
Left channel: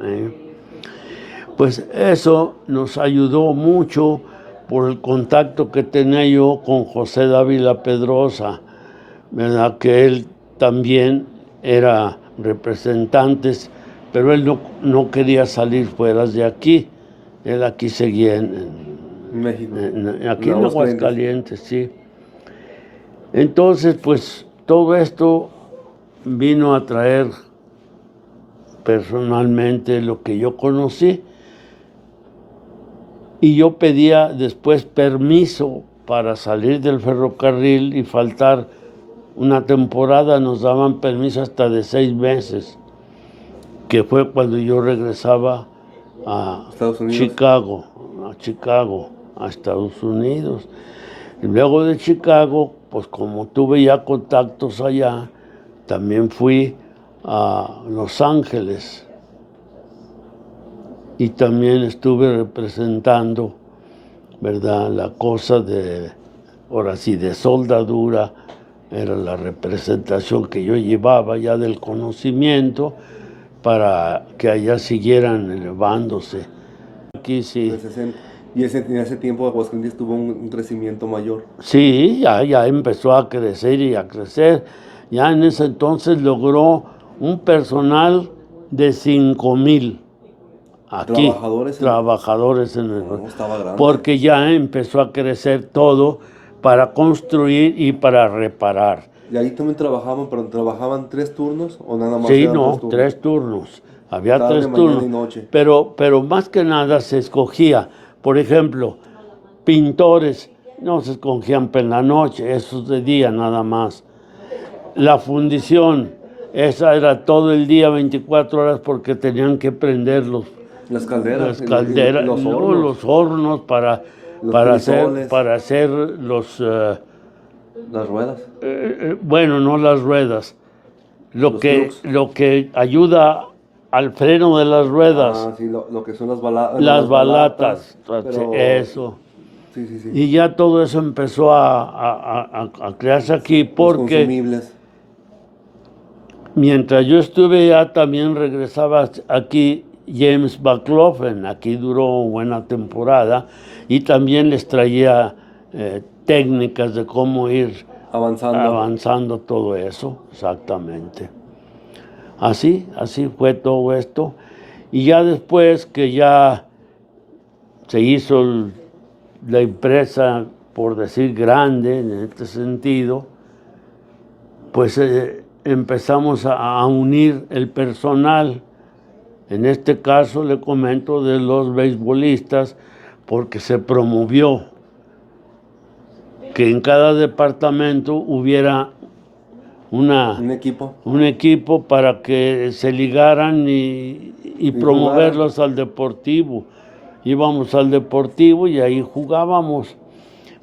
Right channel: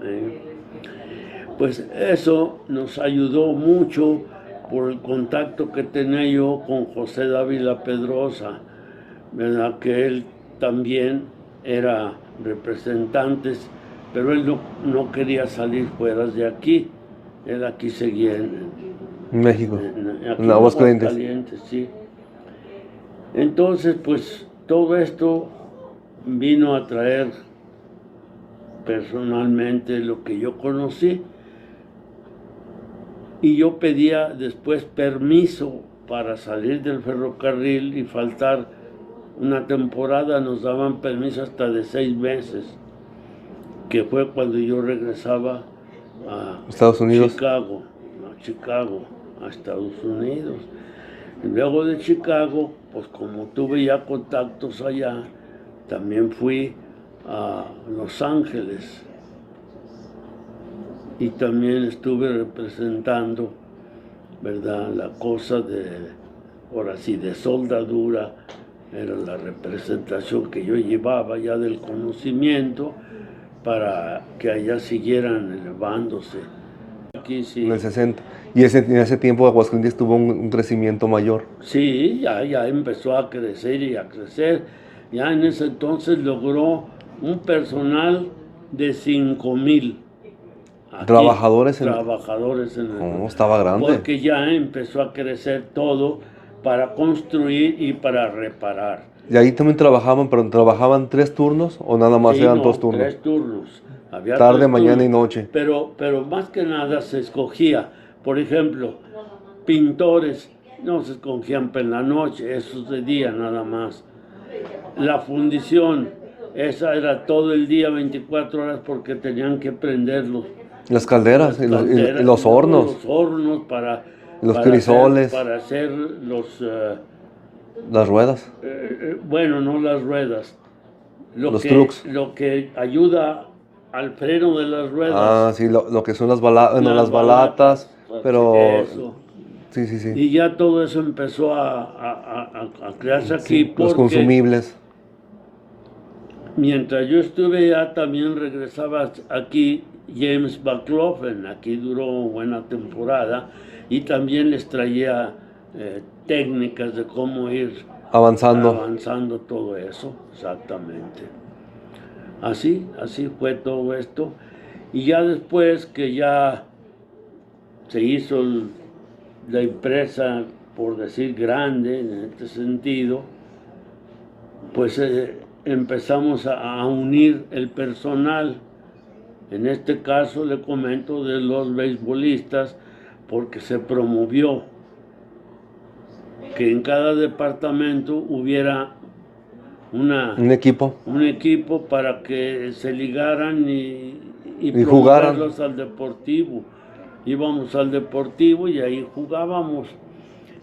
Pues eso nos ayudó mucho por el contacto que tenía yo con José Dávila Pedrosa, ¿verdad? Que él también era representante, pero él no quería salir fuera de aquí. Él aquí seguía en México. aquí en Aguascalientes, sí. Entonces, pues todo esto vino a traer personalmente lo que yo conocí, Y yo pedía después permiso para salir del ferrocarril y faltar una temporada. Nos daban permiso hasta de 6 meses, que fue cuando yo regresaba a Estados Unidos. Chicago, a Estados Unidos. Y luego de Chicago, pues como tuve ya contactos allá, también fui a Los Ángeles y también estuve representando, ¿verdad? La cosa de, ahora sí, de soldadura, era la representación que yo llevaba ya del conocimiento para que allá siguieran elevándose. Aquí sí. En el 60. Y en ese tiempo Aguascalientes tuvo un crecimiento mayor. Sí, ya empezó a crecer y a crecer. Ya en ese entonces logró un personal de 5,000. Trabajadores en el... No, estaba grande. Porque ya empezó a crecer todo para construir y para reparar. Y ahí también trabajaban, pero ¿trabajaban 3 turnos o nada más Sí, eran no, 2 turnos? 3 turnos. Había Tarde, 3 mañana turnos. y noche. Pero más que nada se escogía. Por ejemplo, pintores no se escogían en la noche, esos de día nada más. La fundición, esa era todo el día, 24 horas, porque tenían que prender Las calderas, las calderas, y los no, hornos, los hornos los crisoles, para hacer los, las ruedas. bueno, no las ruedas, Los trucks. lo que ayuda al freno de las ruedas. Ah, sí, lo que son las Las balatas, pero... Eso. Sí, sí, sí. Y ya todo eso empezó a crearse aquí, Sí, los porque consumibles. mientras yo estuve ya también regresaba aquí James McLaughlin. Aquí duró buena temporada y también les traía técnicas de cómo ir avanzando todo eso, exactamente. Así fue todo esto. Y ya después que ya se hizo la empresa, por decir grande en este sentido, pues empezamos a unir el personal. En este caso le comento de los beisbolistas, porque se promovió que en cada departamento hubiera Un equipo para que se ligaran y promoverlos al deportivo. Íbamos al deportivo y ahí jugábamos.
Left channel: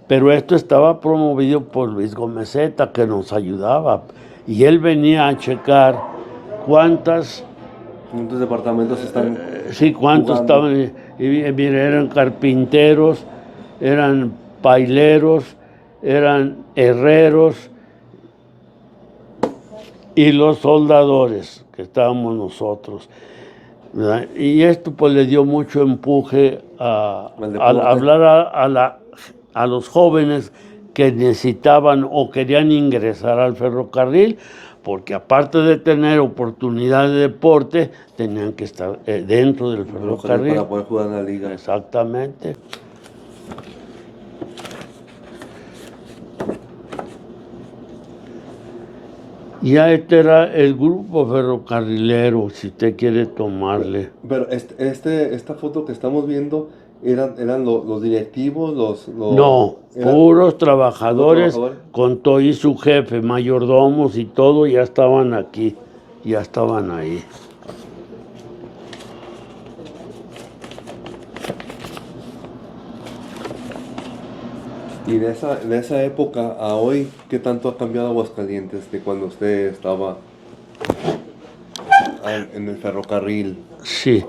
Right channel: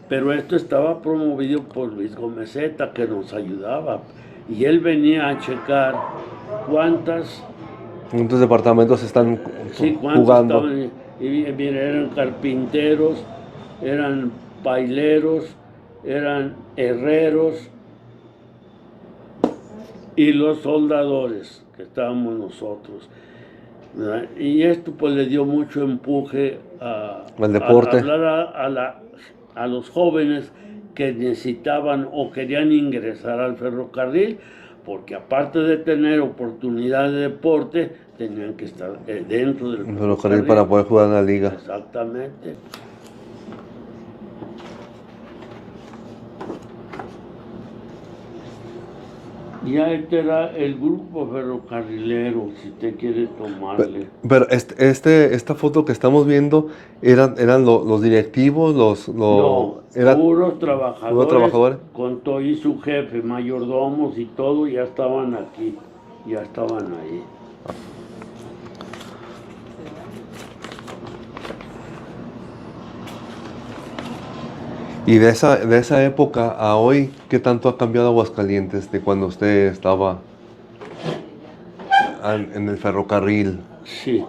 Pero esto estaba promovido por Luis Gomezeta, que nos ayudaba. Y él venía a checar cuántos departamentos están cuántos jugando. estaban. Mira, eran carpinteros, eran paileros, eran herreros y los soldadores, que estábamos nosotros, ¿verdad? Y esto pues le dio mucho empuje a hablar a los jóvenes que necesitaban o querían ingresar al ferrocarril, porque aparte de tener oportunidad de deporte, tenían que estar dentro del ferrocarril para poder jugar en la liga. Exactamente. Ya este era el grupo ferrocarrilero, si usted quiere tomarle. Pero esta foto que estamos viendo, ¿eran los directivos, No, puros trabajadores, con todo y su jefe, mayordomos y todo, ya estaban aquí, ya estaban ahí. Y de esa época a hoy, ¿qué tanto ha cambiado Aguascalientes de cuando usted estaba en el ferrocarril? Sí.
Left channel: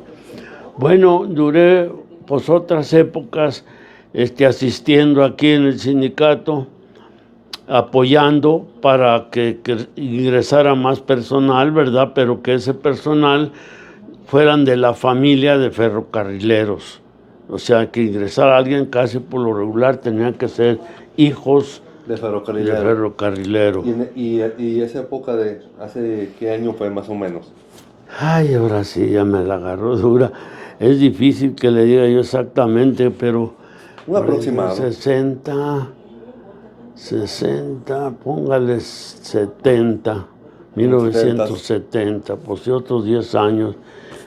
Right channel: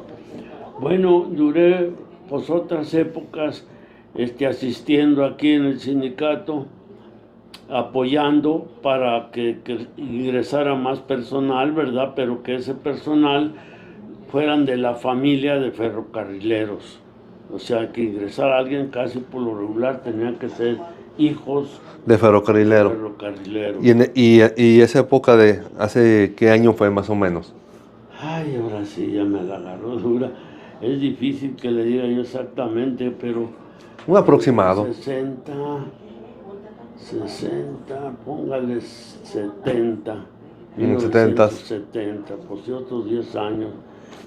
Bueno, duré pues otras épocas asistiendo aquí en el sindicato, apoyando para que ingresara más personal, ¿verdad? Pero que ese personal fueran de la familia de ferrocarrileros. O sea, que ingresara alguien casi por lo regular tenía que ser hijos de ferrocarrilero. ¿Y esa época hace qué año fue más o menos? Ay, ahora sí, ya me la agarró dura. Es difícil que le diga yo exactamente, pero... Un aproximado. 60, póngale 70, 1970, pues de otros 10 años.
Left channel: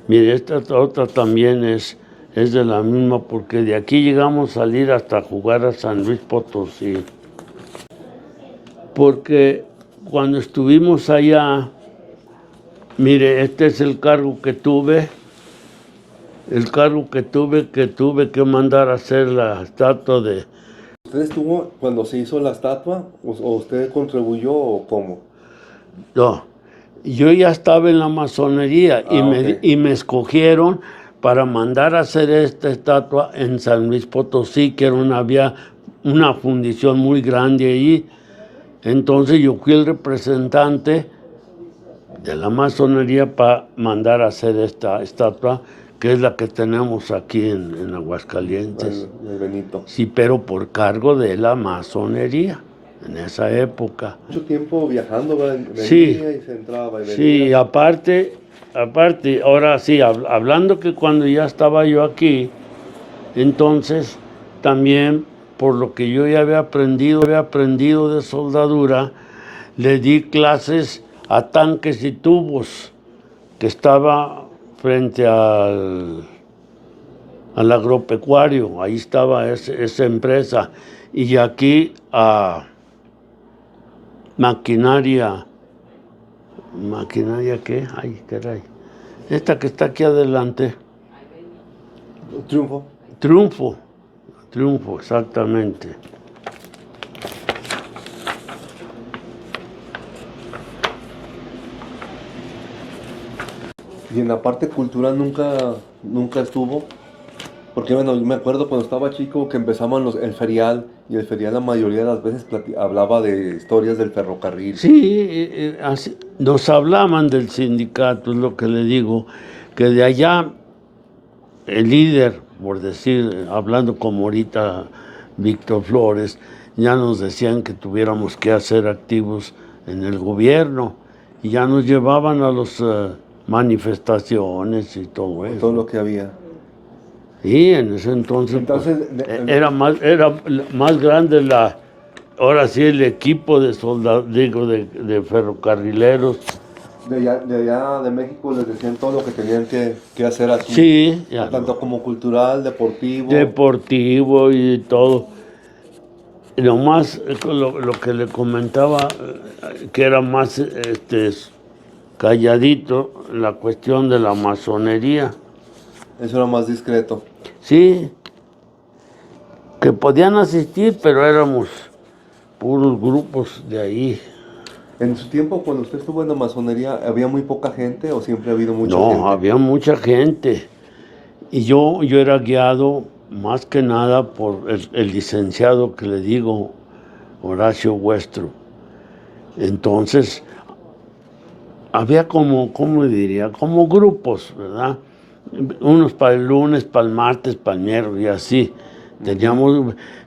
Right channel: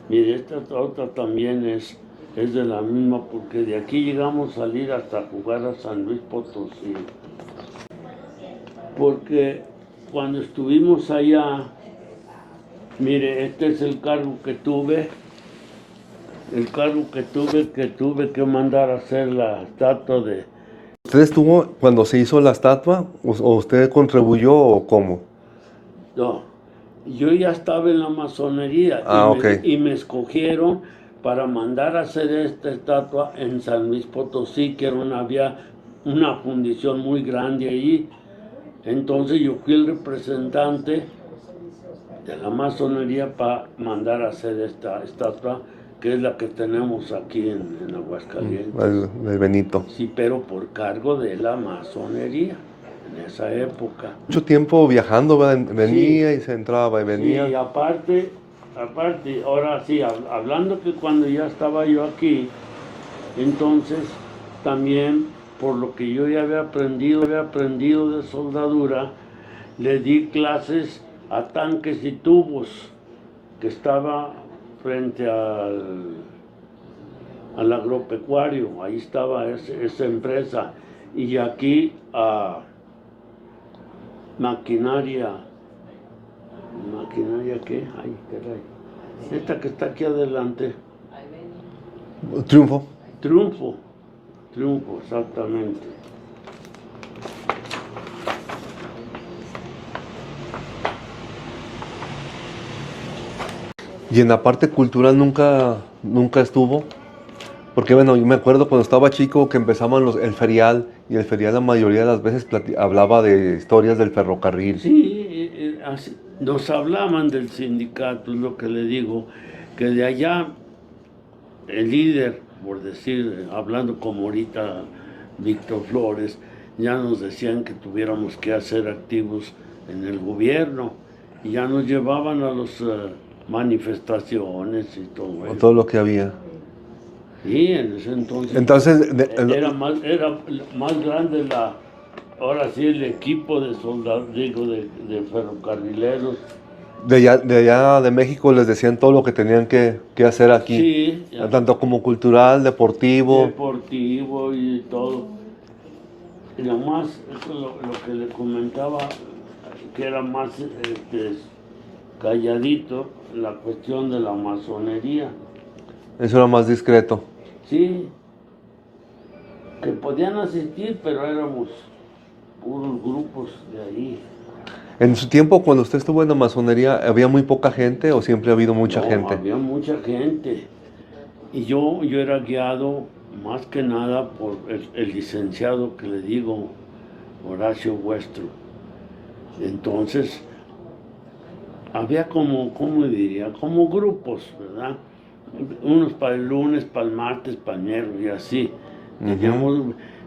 Mire, esta otra también es es de la misma, porque de aquí llegamos a salir hasta jugar a San Luis Potosí. Porque cuando estuvimos allá, mire, este es el cargo que tuve. El cargo que tuve que mandar a hacer la estatua de... ¿Usted estuvo cuando se hizo la estatua o usted contribuyó o cómo? No, yo ya estaba en la masonería Ok. y me escogieron para mandar a hacer esta estatua en San Luis Potosí, que había una fundición muy grande ahí. Entonces yo fui el representante de la masonería para mandar a hacer esta estatua, que es la que tenemos aquí en Aguascalientes. El Benito. Sí, pero por cargo de la masonería en esa época. Mucho tiempo viajando, ¿verdad? Venía Sí. y se entraba y venía. Sí, aparte, ahora sí, hablando que cuando ya estaba yo aquí, entonces también por lo que yo ya había aprendido de soldadura, le di clases a tanques y tubos, que estaba frente al agropecuario, ahí estaba esa empresa, y aquí a maquinaria qué, ay, caray, esta que está aquí adelante, Triunfo. Triunfo, exactamente. Y en la parte cultural nunca estuvo. Porque bueno, yo me acuerdo cuando estaba chico que empezaban el ferial, y el ferial la mayoría de las veces hablaba de historias del ferrocarril. Sí, nos hablaban del sindicato, es lo que le digo, que de allá el líder, por decir, hablando como ahorita Víctor Flores, ya nos decían que tuviéramos que hacer activos en el gobierno, y ya nos llevaban a las manifestaciones y todo Con eso. todo lo que había. Sí, en ese entonces, era más grande ahora sí el equipo de soldados, digo, de ferrocarrileros. De allá de México les decían todo lo que tenían que hacer aquí. Sí, ya, Tanto como cultural, deportivo. deportivo y todo. Y nomás lo que le comentaba, que era más calladito, la cuestión de la masonería. Eso era más discreto. Sí, que podían asistir, pero éramos puros grupos de ahí. En su tiempo, cuando usted estuvo en la masonería, ¿había muy poca gente o siempre ha habido mucha gente? No, había mucha gente. Y yo era guiado más que nada por el licenciado que le digo, Horacio Huestro. Entonces, había ¿cómo diría? Como grupos, ¿verdad? Unos para el lunes, para el martes, para el miércoles y así.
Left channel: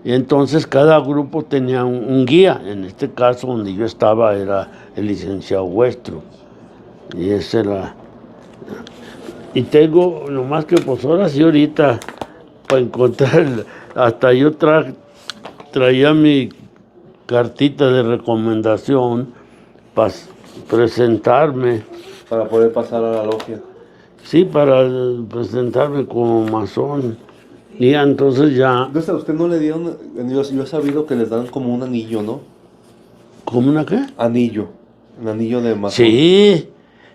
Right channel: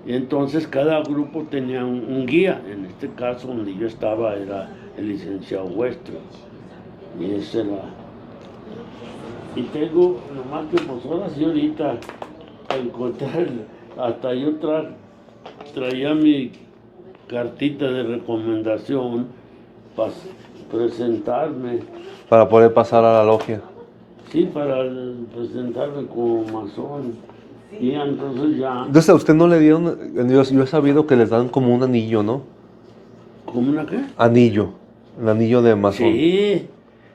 Y entonces cada grupo tenía un guía. En este caso, donde yo estaba, era el licenciado Huestro. Y ese era... Y tengo, nomás que pues ahora sí ahorita, para encontrar, hasta yo traía mi cartita de recomendación para presentarme. Para poder pasar a la logia. Sí, para presentarme como masón. Y entonces ya... Entonces a usted no le dieron, yo he sabido que les dan como un anillo, ¿no? ¿Cómo una qué? Anillo, el anillo de masón. Sí,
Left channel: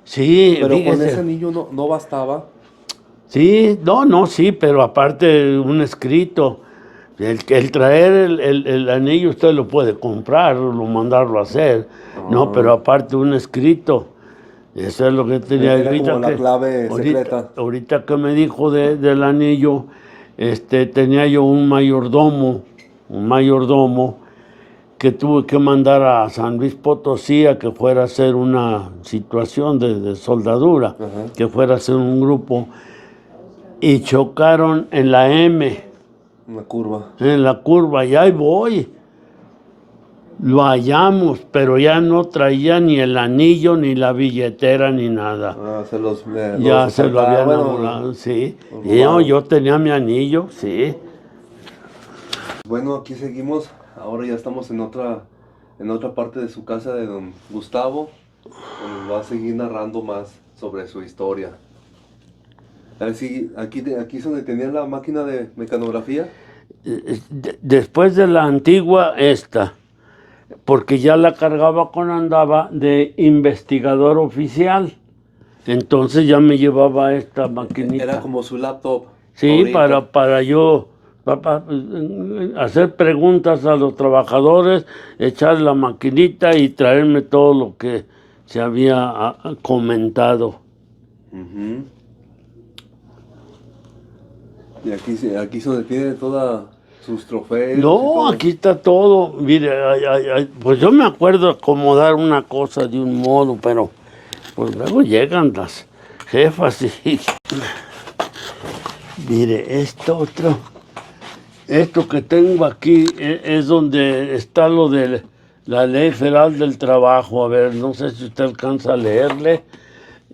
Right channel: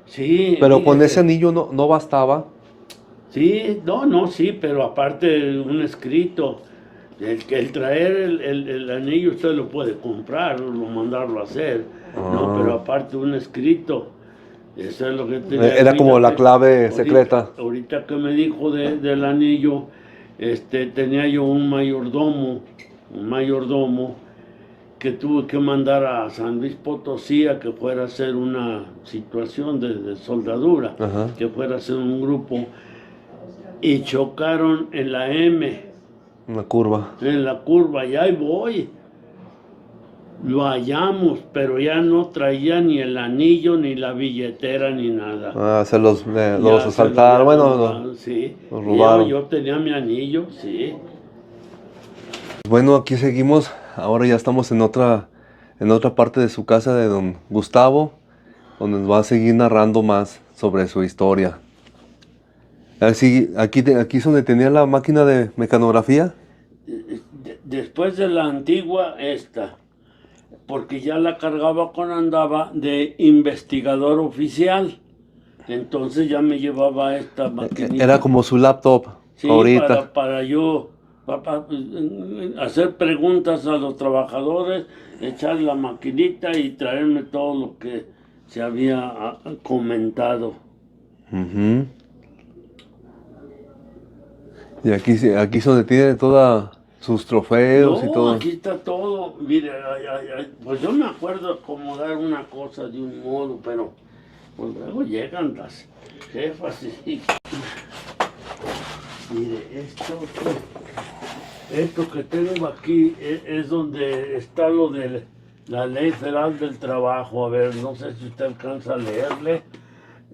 sí. Pero con fíjese. ese anillo no bastaba. Sí, no, sí, pero aparte un escrito. El traer el anillo usted lo puede comprar o mandarlo a hacer, no, pero aparte un escrito. Eso es lo que tenía. Era como la clave secreta. Ahorita que me dijo del anillo, tenía yo un mayordomo que tuve que mandar a San Luis Potosí a que fuera a hacer una situación de soldadura, Ajá. que fuera a hacer un grupo, y chocaron en la M. Una curva. En la curva, y ahí voy. Lo hallamos, pero ya no traía ni el anillo, ni la billetera, ni nada. Ah, se los Ya se lo asaltaron. habían Bueno, anulado, sí. los Y robaron. yo tenía mi anillo, sí. Bueno, aquí seguimos. Ahora ya estamos en otra parte de su casa de don Gustavo, donde nos va a seguir narrando más sobre su historia. Así, aquí es donde tenía la máquina de mecanografía. Después de la antigua, esta, porque ya la cargaba cuando andaba de investigador oficial. Entonces ya me llevaba esta Era maquinita. como su laptop Sí, ahorita. para yo hacer preguntas a los trabajadores, echar la maquinita y traerme todo lo que se había comentado. Ujú. Y aquí es donde tiene todos sus trofeos y No, todo. aquí está todo. Mire, pues yo me acuerdo acomodar una cosa de un modo, pero pues luego llegan las jefas y mire, esto que tengo aquí es donde está lo de la Ley Federal del Trabajo. A ver, no sé si usted alcanza a leerle.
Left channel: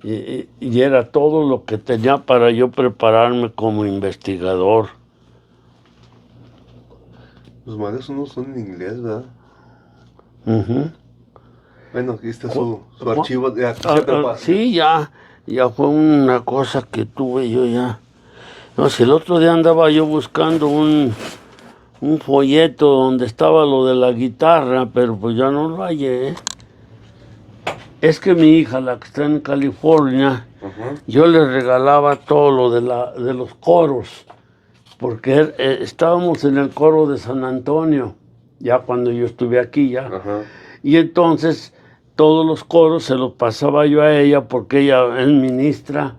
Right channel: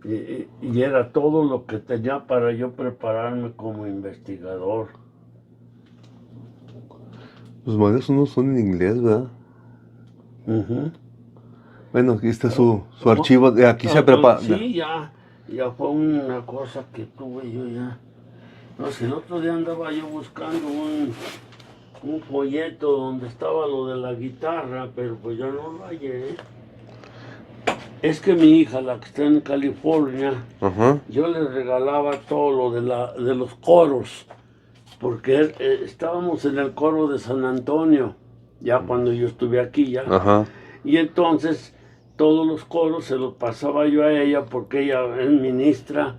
Y era todo lo que tenía para yo prepararme como investigador. Los manuales unos son en inglés, ¿verdad? Ujú. Bueno, aquí está Ju- su archivo. De aquí se prepara. Sí, ya fue una cosa que tuve yo ya. No, si el otro día andaba yo buscando un folleto donde estaba lo de la guitarra, pero pues ya no lo hallé. Es que mi hija, la que está en California, Ajá. yo le regalaba todo lo de los coros, porque estábamos en el coro de San Antonio, ya cuando yo estuve aquí ya. Ajá. Y entonces todos los coros se los pasaba yo a ella porque ella es ministra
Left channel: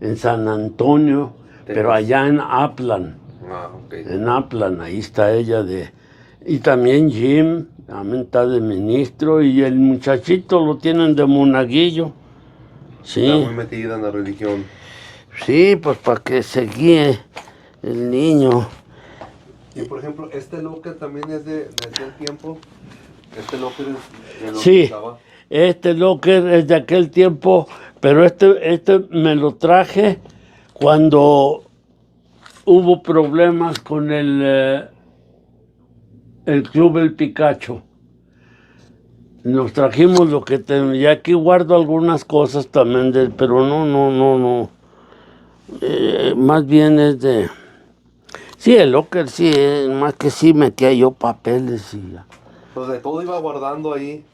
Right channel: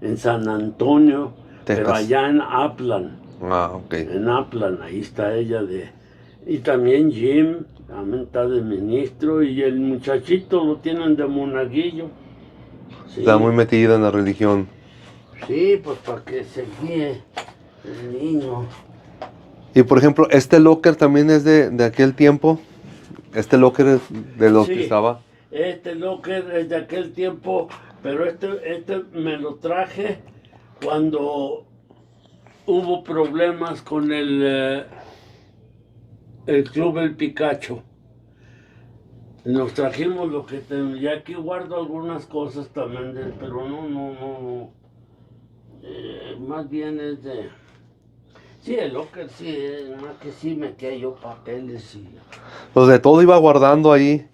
en San Antonio, pero Texas. allá en Upland. Ah, ok. En Upland, ahí está ella de... Y también Jim, también está de ministro, y el muchachito lo tienen de monaguillo. Está Sí, muy metida en la religión. sí, pues para que se guíe el niño. Y por ejemplo, este locker también es de aquel tiempo. Este locker es de lo que Sí, estaba. este locker es de aquel tiempo, pero este me lo traje cuando hubo problemas con el Club El Picacho. Nos trajimos lo que tenemos. Y aquí guardo algunas cosas también, pero no. Más bien es de... Sí, el locker sí, más que sí metía yo papeles y... Pues de todo iba guardando ahí.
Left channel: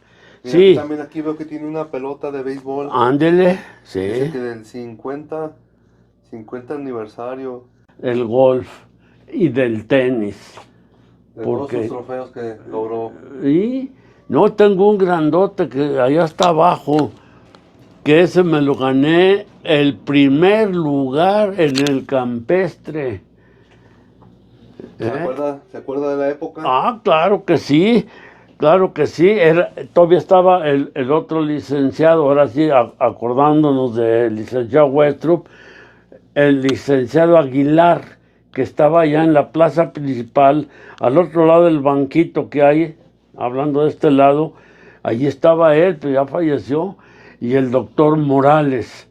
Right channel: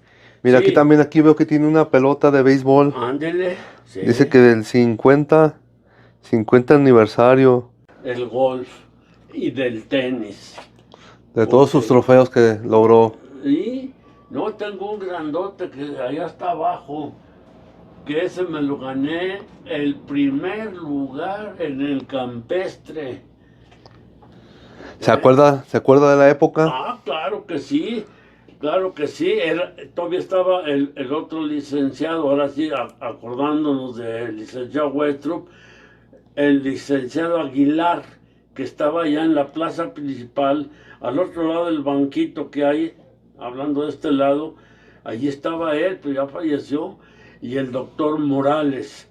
Mira, Sí, aquí veo que tiene una pelota de béisbol. ándele, sí, Dice que del 50 aniversario el golf y del tenis. de todos sus Porque trofeos que logró. y no tengo un grandote que allá está abajo, que ese me lo gané el primer lugar en el campestre. ¿Eh? Se acuerda de la época? Claro que sí, claro que sí. Todavía estaba el otro licenciado, ahora sí, acordándonos del licenciado Westrup, el licenciado Aguilar, que estaba allá en la plaza principal, al otro lado del banquito que hay, hablando de este lado, allí estaba él, pero ya falleció, y el doctor Morales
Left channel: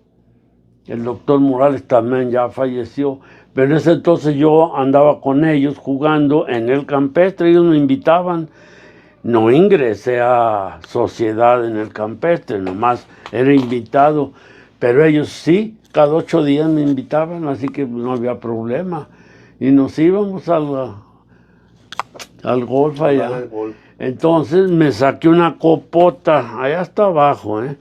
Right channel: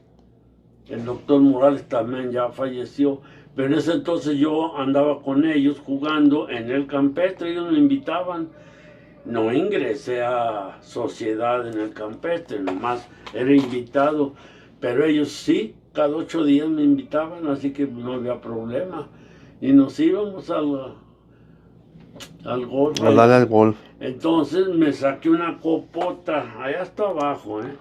también ya falleció, pero en ese entonces yo andaba con ellos jugando en el campestre, ellos me invitaban, no ingresé a sociedad en el campestre, nomás era invitado, pero ellos sí, cada 8 días me invitaban, así que no había problema. Y nos íbamos al golf A darle allá. al golf. Entonces me saqué una copota, allá hasta abajo, ¿eh?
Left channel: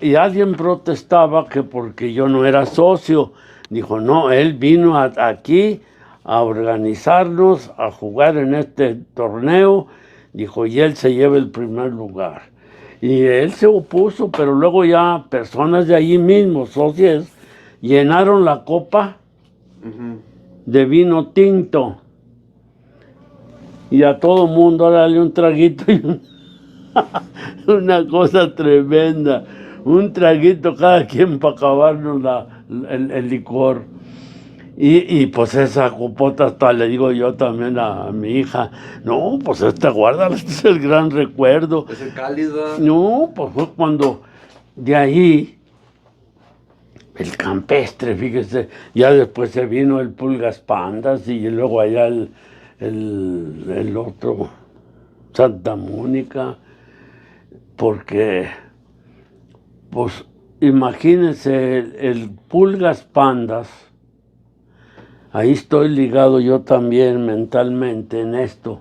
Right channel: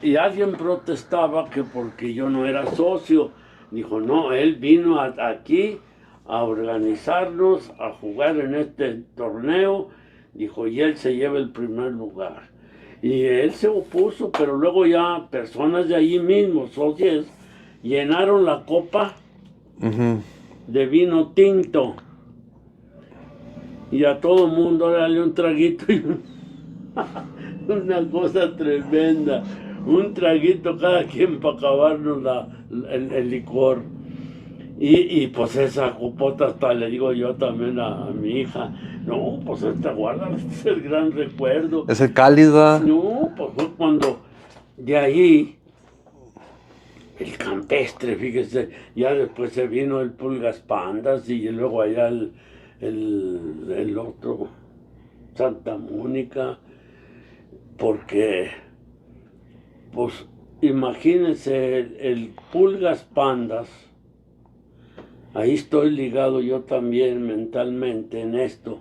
Y alguien protestaba que porque yo no era socio. Dijo, no, él vino aquí a organizarnos, a jugar en este torneo. Dijo, y él se lleva el primer lugar. Y él se opuso, pero luego ya personas de allí mismo, socios, llenaron la copa Ujú. de vino tinto. Y a todo mundo dale un traguito y una cosa tremenda. Un traguito cada quien para acabarnos el licor. Pues esa copota hasta le digo yo también a mi hija, no, pues guarda, este es el gran recuerdo. Es el cáliz, ¿verdad? No, pues fue cuando de ahí, el campestre, fíjese, ya después se vino el Pulgas Pandas y luego allá el otro, Santa Mónica, porque pues imagínense el Pulgas Pandas. Ahí estoy ligado yo también mentalmente en esto.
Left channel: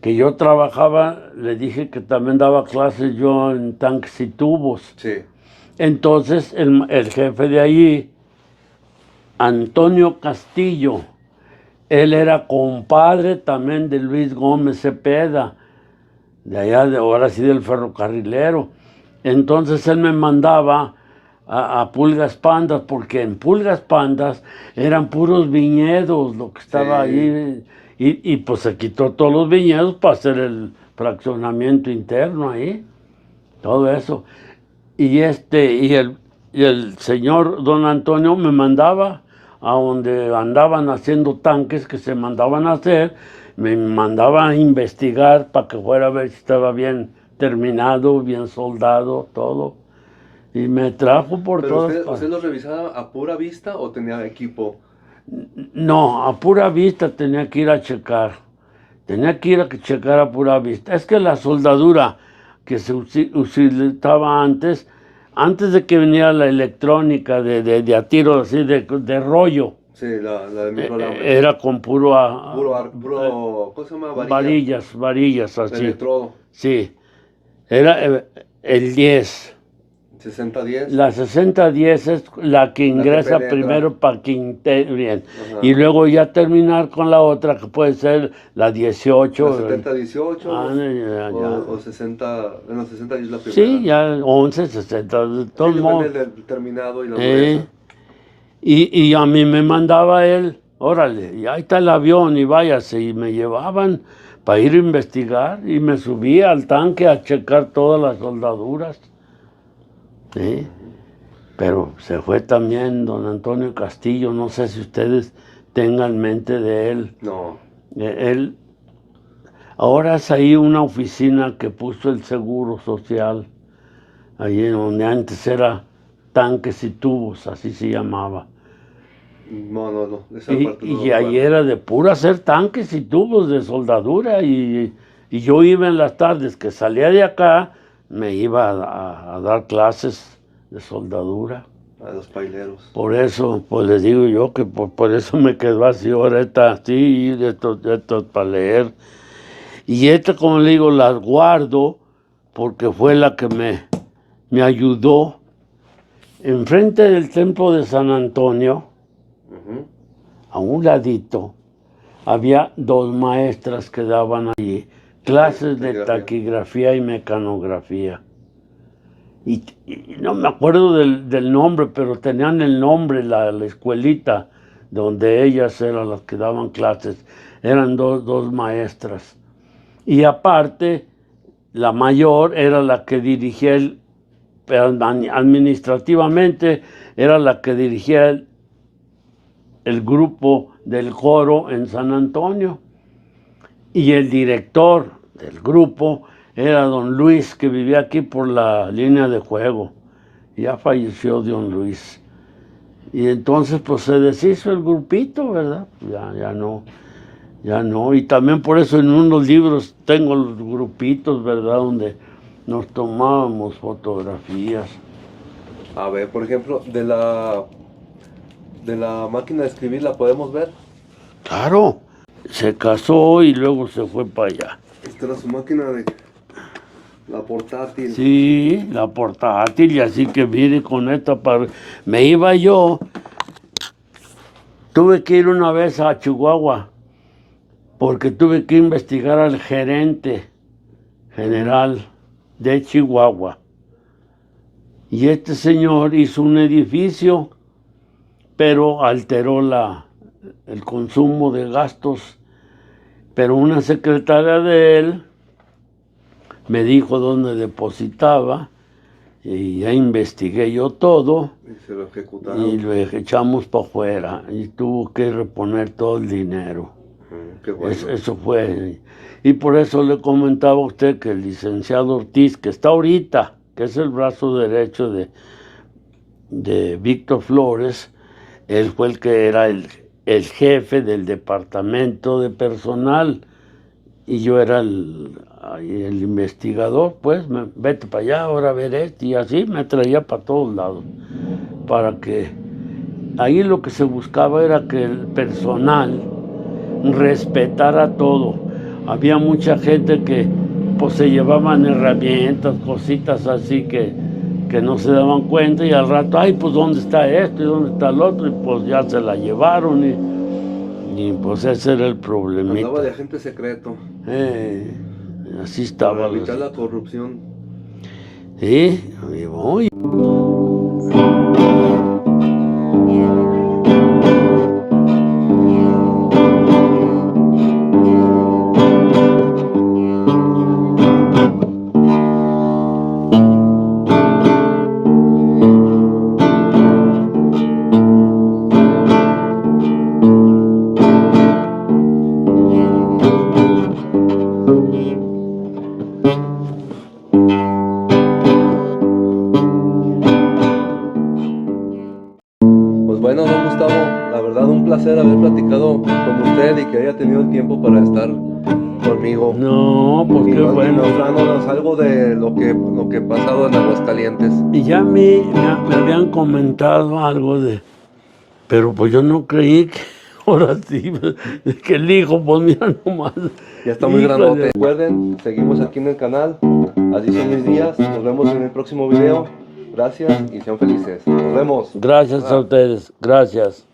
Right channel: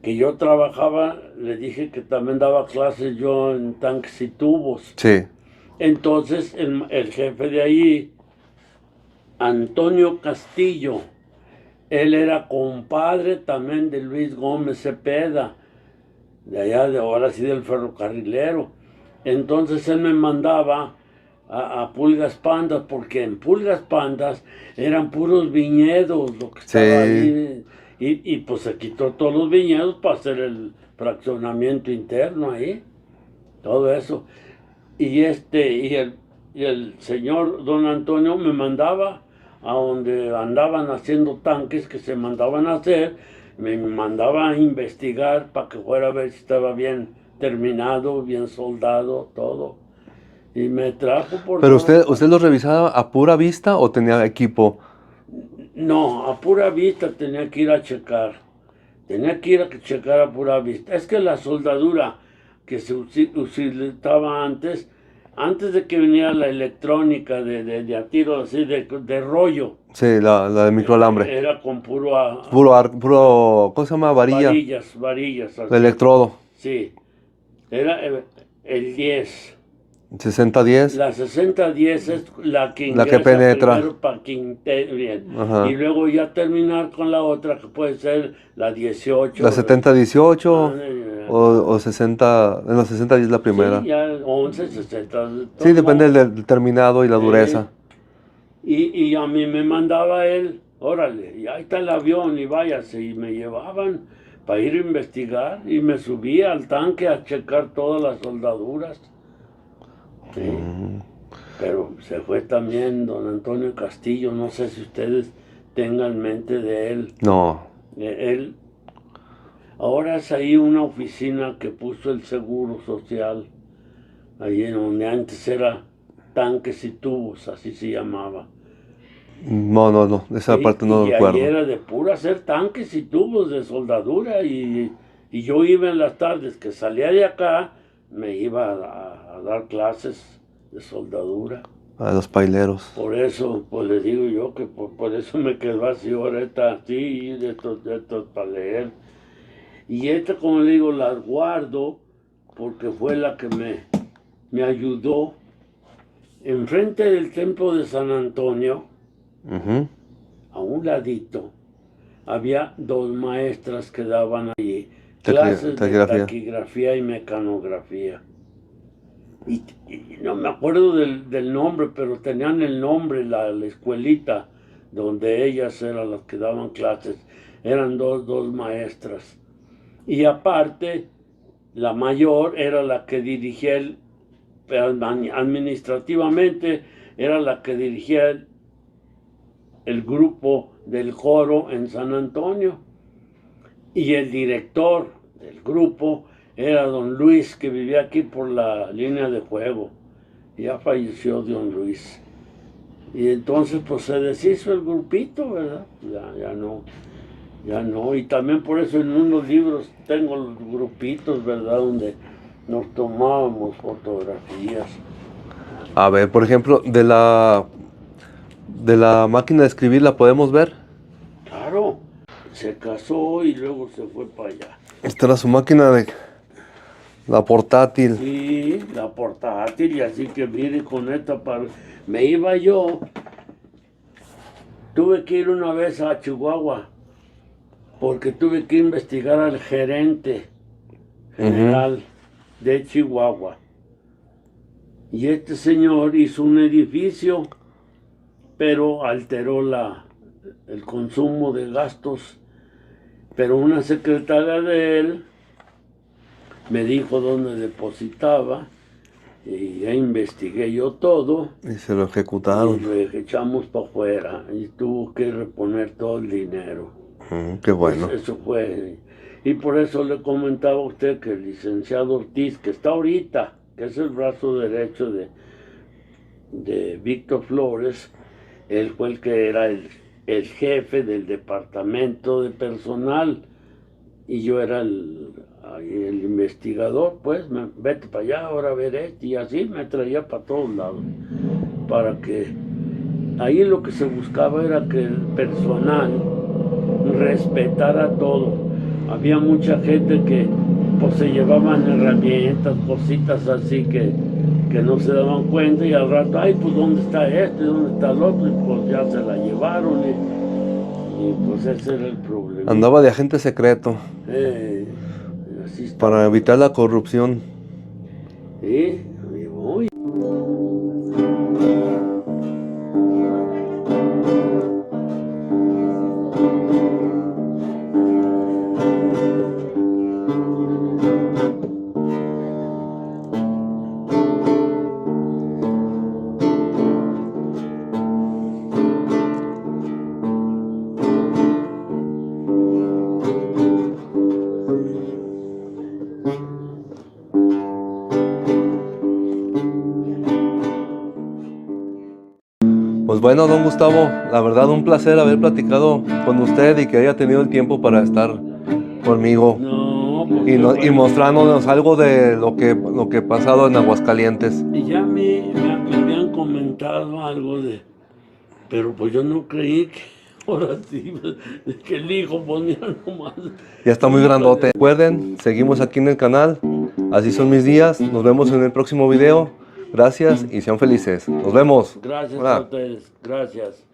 Que yo trabajaba, le dije que también daba clases yo en tanques y tubos. Sí. Entonces el jefe de ahí, Antonio Castillo, él era compadre también de Luis Gómez Cepeda, de allá, de ahora sí del ferrocarrilero. Entonces él me mandaba a Pulgas Pandas, porque en Pulgas Pandas eran puros viñedos lo que estaba Sí. ahí. Y pues se quitó todos los viñedos para hacer el fraccionamiento interno ahí, todo eso. Y el señor don Antonio me mandaba a donde andaban haciendo tanques que se mandaban a hacer, me mandaban a investigar para que fuera a ver si estaba bien terminado, bien soldado, todo. Y me trajo por ¿Pero todas usted partes. lo revisaba a pura vista o tenía equipo? No, a pura vista tenía que ir a checar. Tenía que ir a checar a pura vista. Es que la soldadura que se utilizaba antes de que viniera la electrónica de a tiro así de rollo, Sí, la de microalambre. era con puro Puro, ¿cómo se llama? Varilla. varillas De así. electrodo. Sí, era el 10. 60-10. La 6010 es la que La que ingresa penetra. primero para que integre bien. Y Ajá. luego ya terminar con la otra, que puede ser la 18. La 70-18 Ya, o 60. En la 60-10 la sí, primera. ya 11, 60, de Sí, todos depende modos. del terminado y la ¿Eh? dureza. Y a mí me mandaba él, órale, y ahí está el avión y váyase. Y me llevaban para ir a investigar y me subía al tanque a checar todas las soldaduras. ¿Sí? Pero se fue también don Antonio Castillo, no sé si ustedes tengan mente de él. No. Él, ahora es ahí una oficina que puso el Seguro Social, allí donde antes era tanques y tubos, así se llamaba. No. Esa parte no Y lo ahí recuerdo. era de pura hacer tanques y tubos de soldadura y yo iba en las tardes que salía de acá, me iba a dar clases de soldadura. A los paileros. Por eso, pues les digo yo que por eso me quedó así ahorita, así, de estos para leer. Y esta, como le digo, las guardo porque fue la que me ayudó. Enfrente del templo de San Antonio, Ujú. a un ladito, había dos maestras que daban allí clases de Taquigrafía. taquigrafía y mecanografía. Y no me acuerdo del nombre, pero tenían el nombre, la escuelita donde ellas eran las que daban clases. Eran dos maestras. Y aparte, la mayor era la que dirigía administrativamente, era la que dirigía el grupo del coro en San Antonio. Y el director del grupo era don Luis, que vivía aquí por la línea de juego. Ya falleció don Luis. Y entonces pues se deshizo el grupito, ¿verdad? Ya no. Y también por eso en unos libros tengo los grupitos, ¿verdad? Donde nos tomábamos fotografías. A ver, por ejemplo, de la máquina de escribir, ¿la podemos ver? Claro, se casó y luego se fue para allá. Esta era su máquina de la portátil. Sí, la portátil, y así que mire con esta me iba yo, tuve que ir una vez a Chihuahua, porque tuve que investigar al gerente general de Chihuahua. Y este señor hizo un edificio, pero alteró el consumo de gastos. Pero una secretaria de él me dijo dónde depositaba, y ya investigué yo todo. Y se lo Y ejecutaron. lo echamos para afuera y tuvo que reponer todo el dinero. Qué bueno. Eso fue. Y por eso le comentaba a usted que el licenciado Ortiz, que está ahorita, que es el brazo derecho de Víctor Flores, él fue el que era el jefe del departamento de personal y yo era ahí el investigador, pues, vete para allá, ahora a ver esto, y así me traía para todos lados, para que ahí lo que se buscaba era que el personal respetara todo. Había mucha gente que pues se llevaban herramientas, cositas así que no se daban cuenta, y al rato, ay, pues ¿dónde está esto y dónde está el otro? Y pues ya se la llevaron, y pues ese era el problema. Andaba de agente secreto Así estaba. para evitar la corrupción. Sí, y voy. Pues bueno, don Gustavo, la verdad un placer haber platicado con usted y que haya tenido el tiempo para estar conmigo No, pues y, qué y bueno. mostrándonos algo de lo que ha pasado en Aguascalientes. Y ya me habían comentado algo pero pues yo no creí que ahora sí, que el hijo, pues mira nomás. Ya está muy Híjole. grandote. Recuerden, seguimos aquí en el canal. Así son mis días. Nos vemos en el próximo video. Gracias y sean felices. Nos vemos. Gracias a Hola. ustedes, gracias.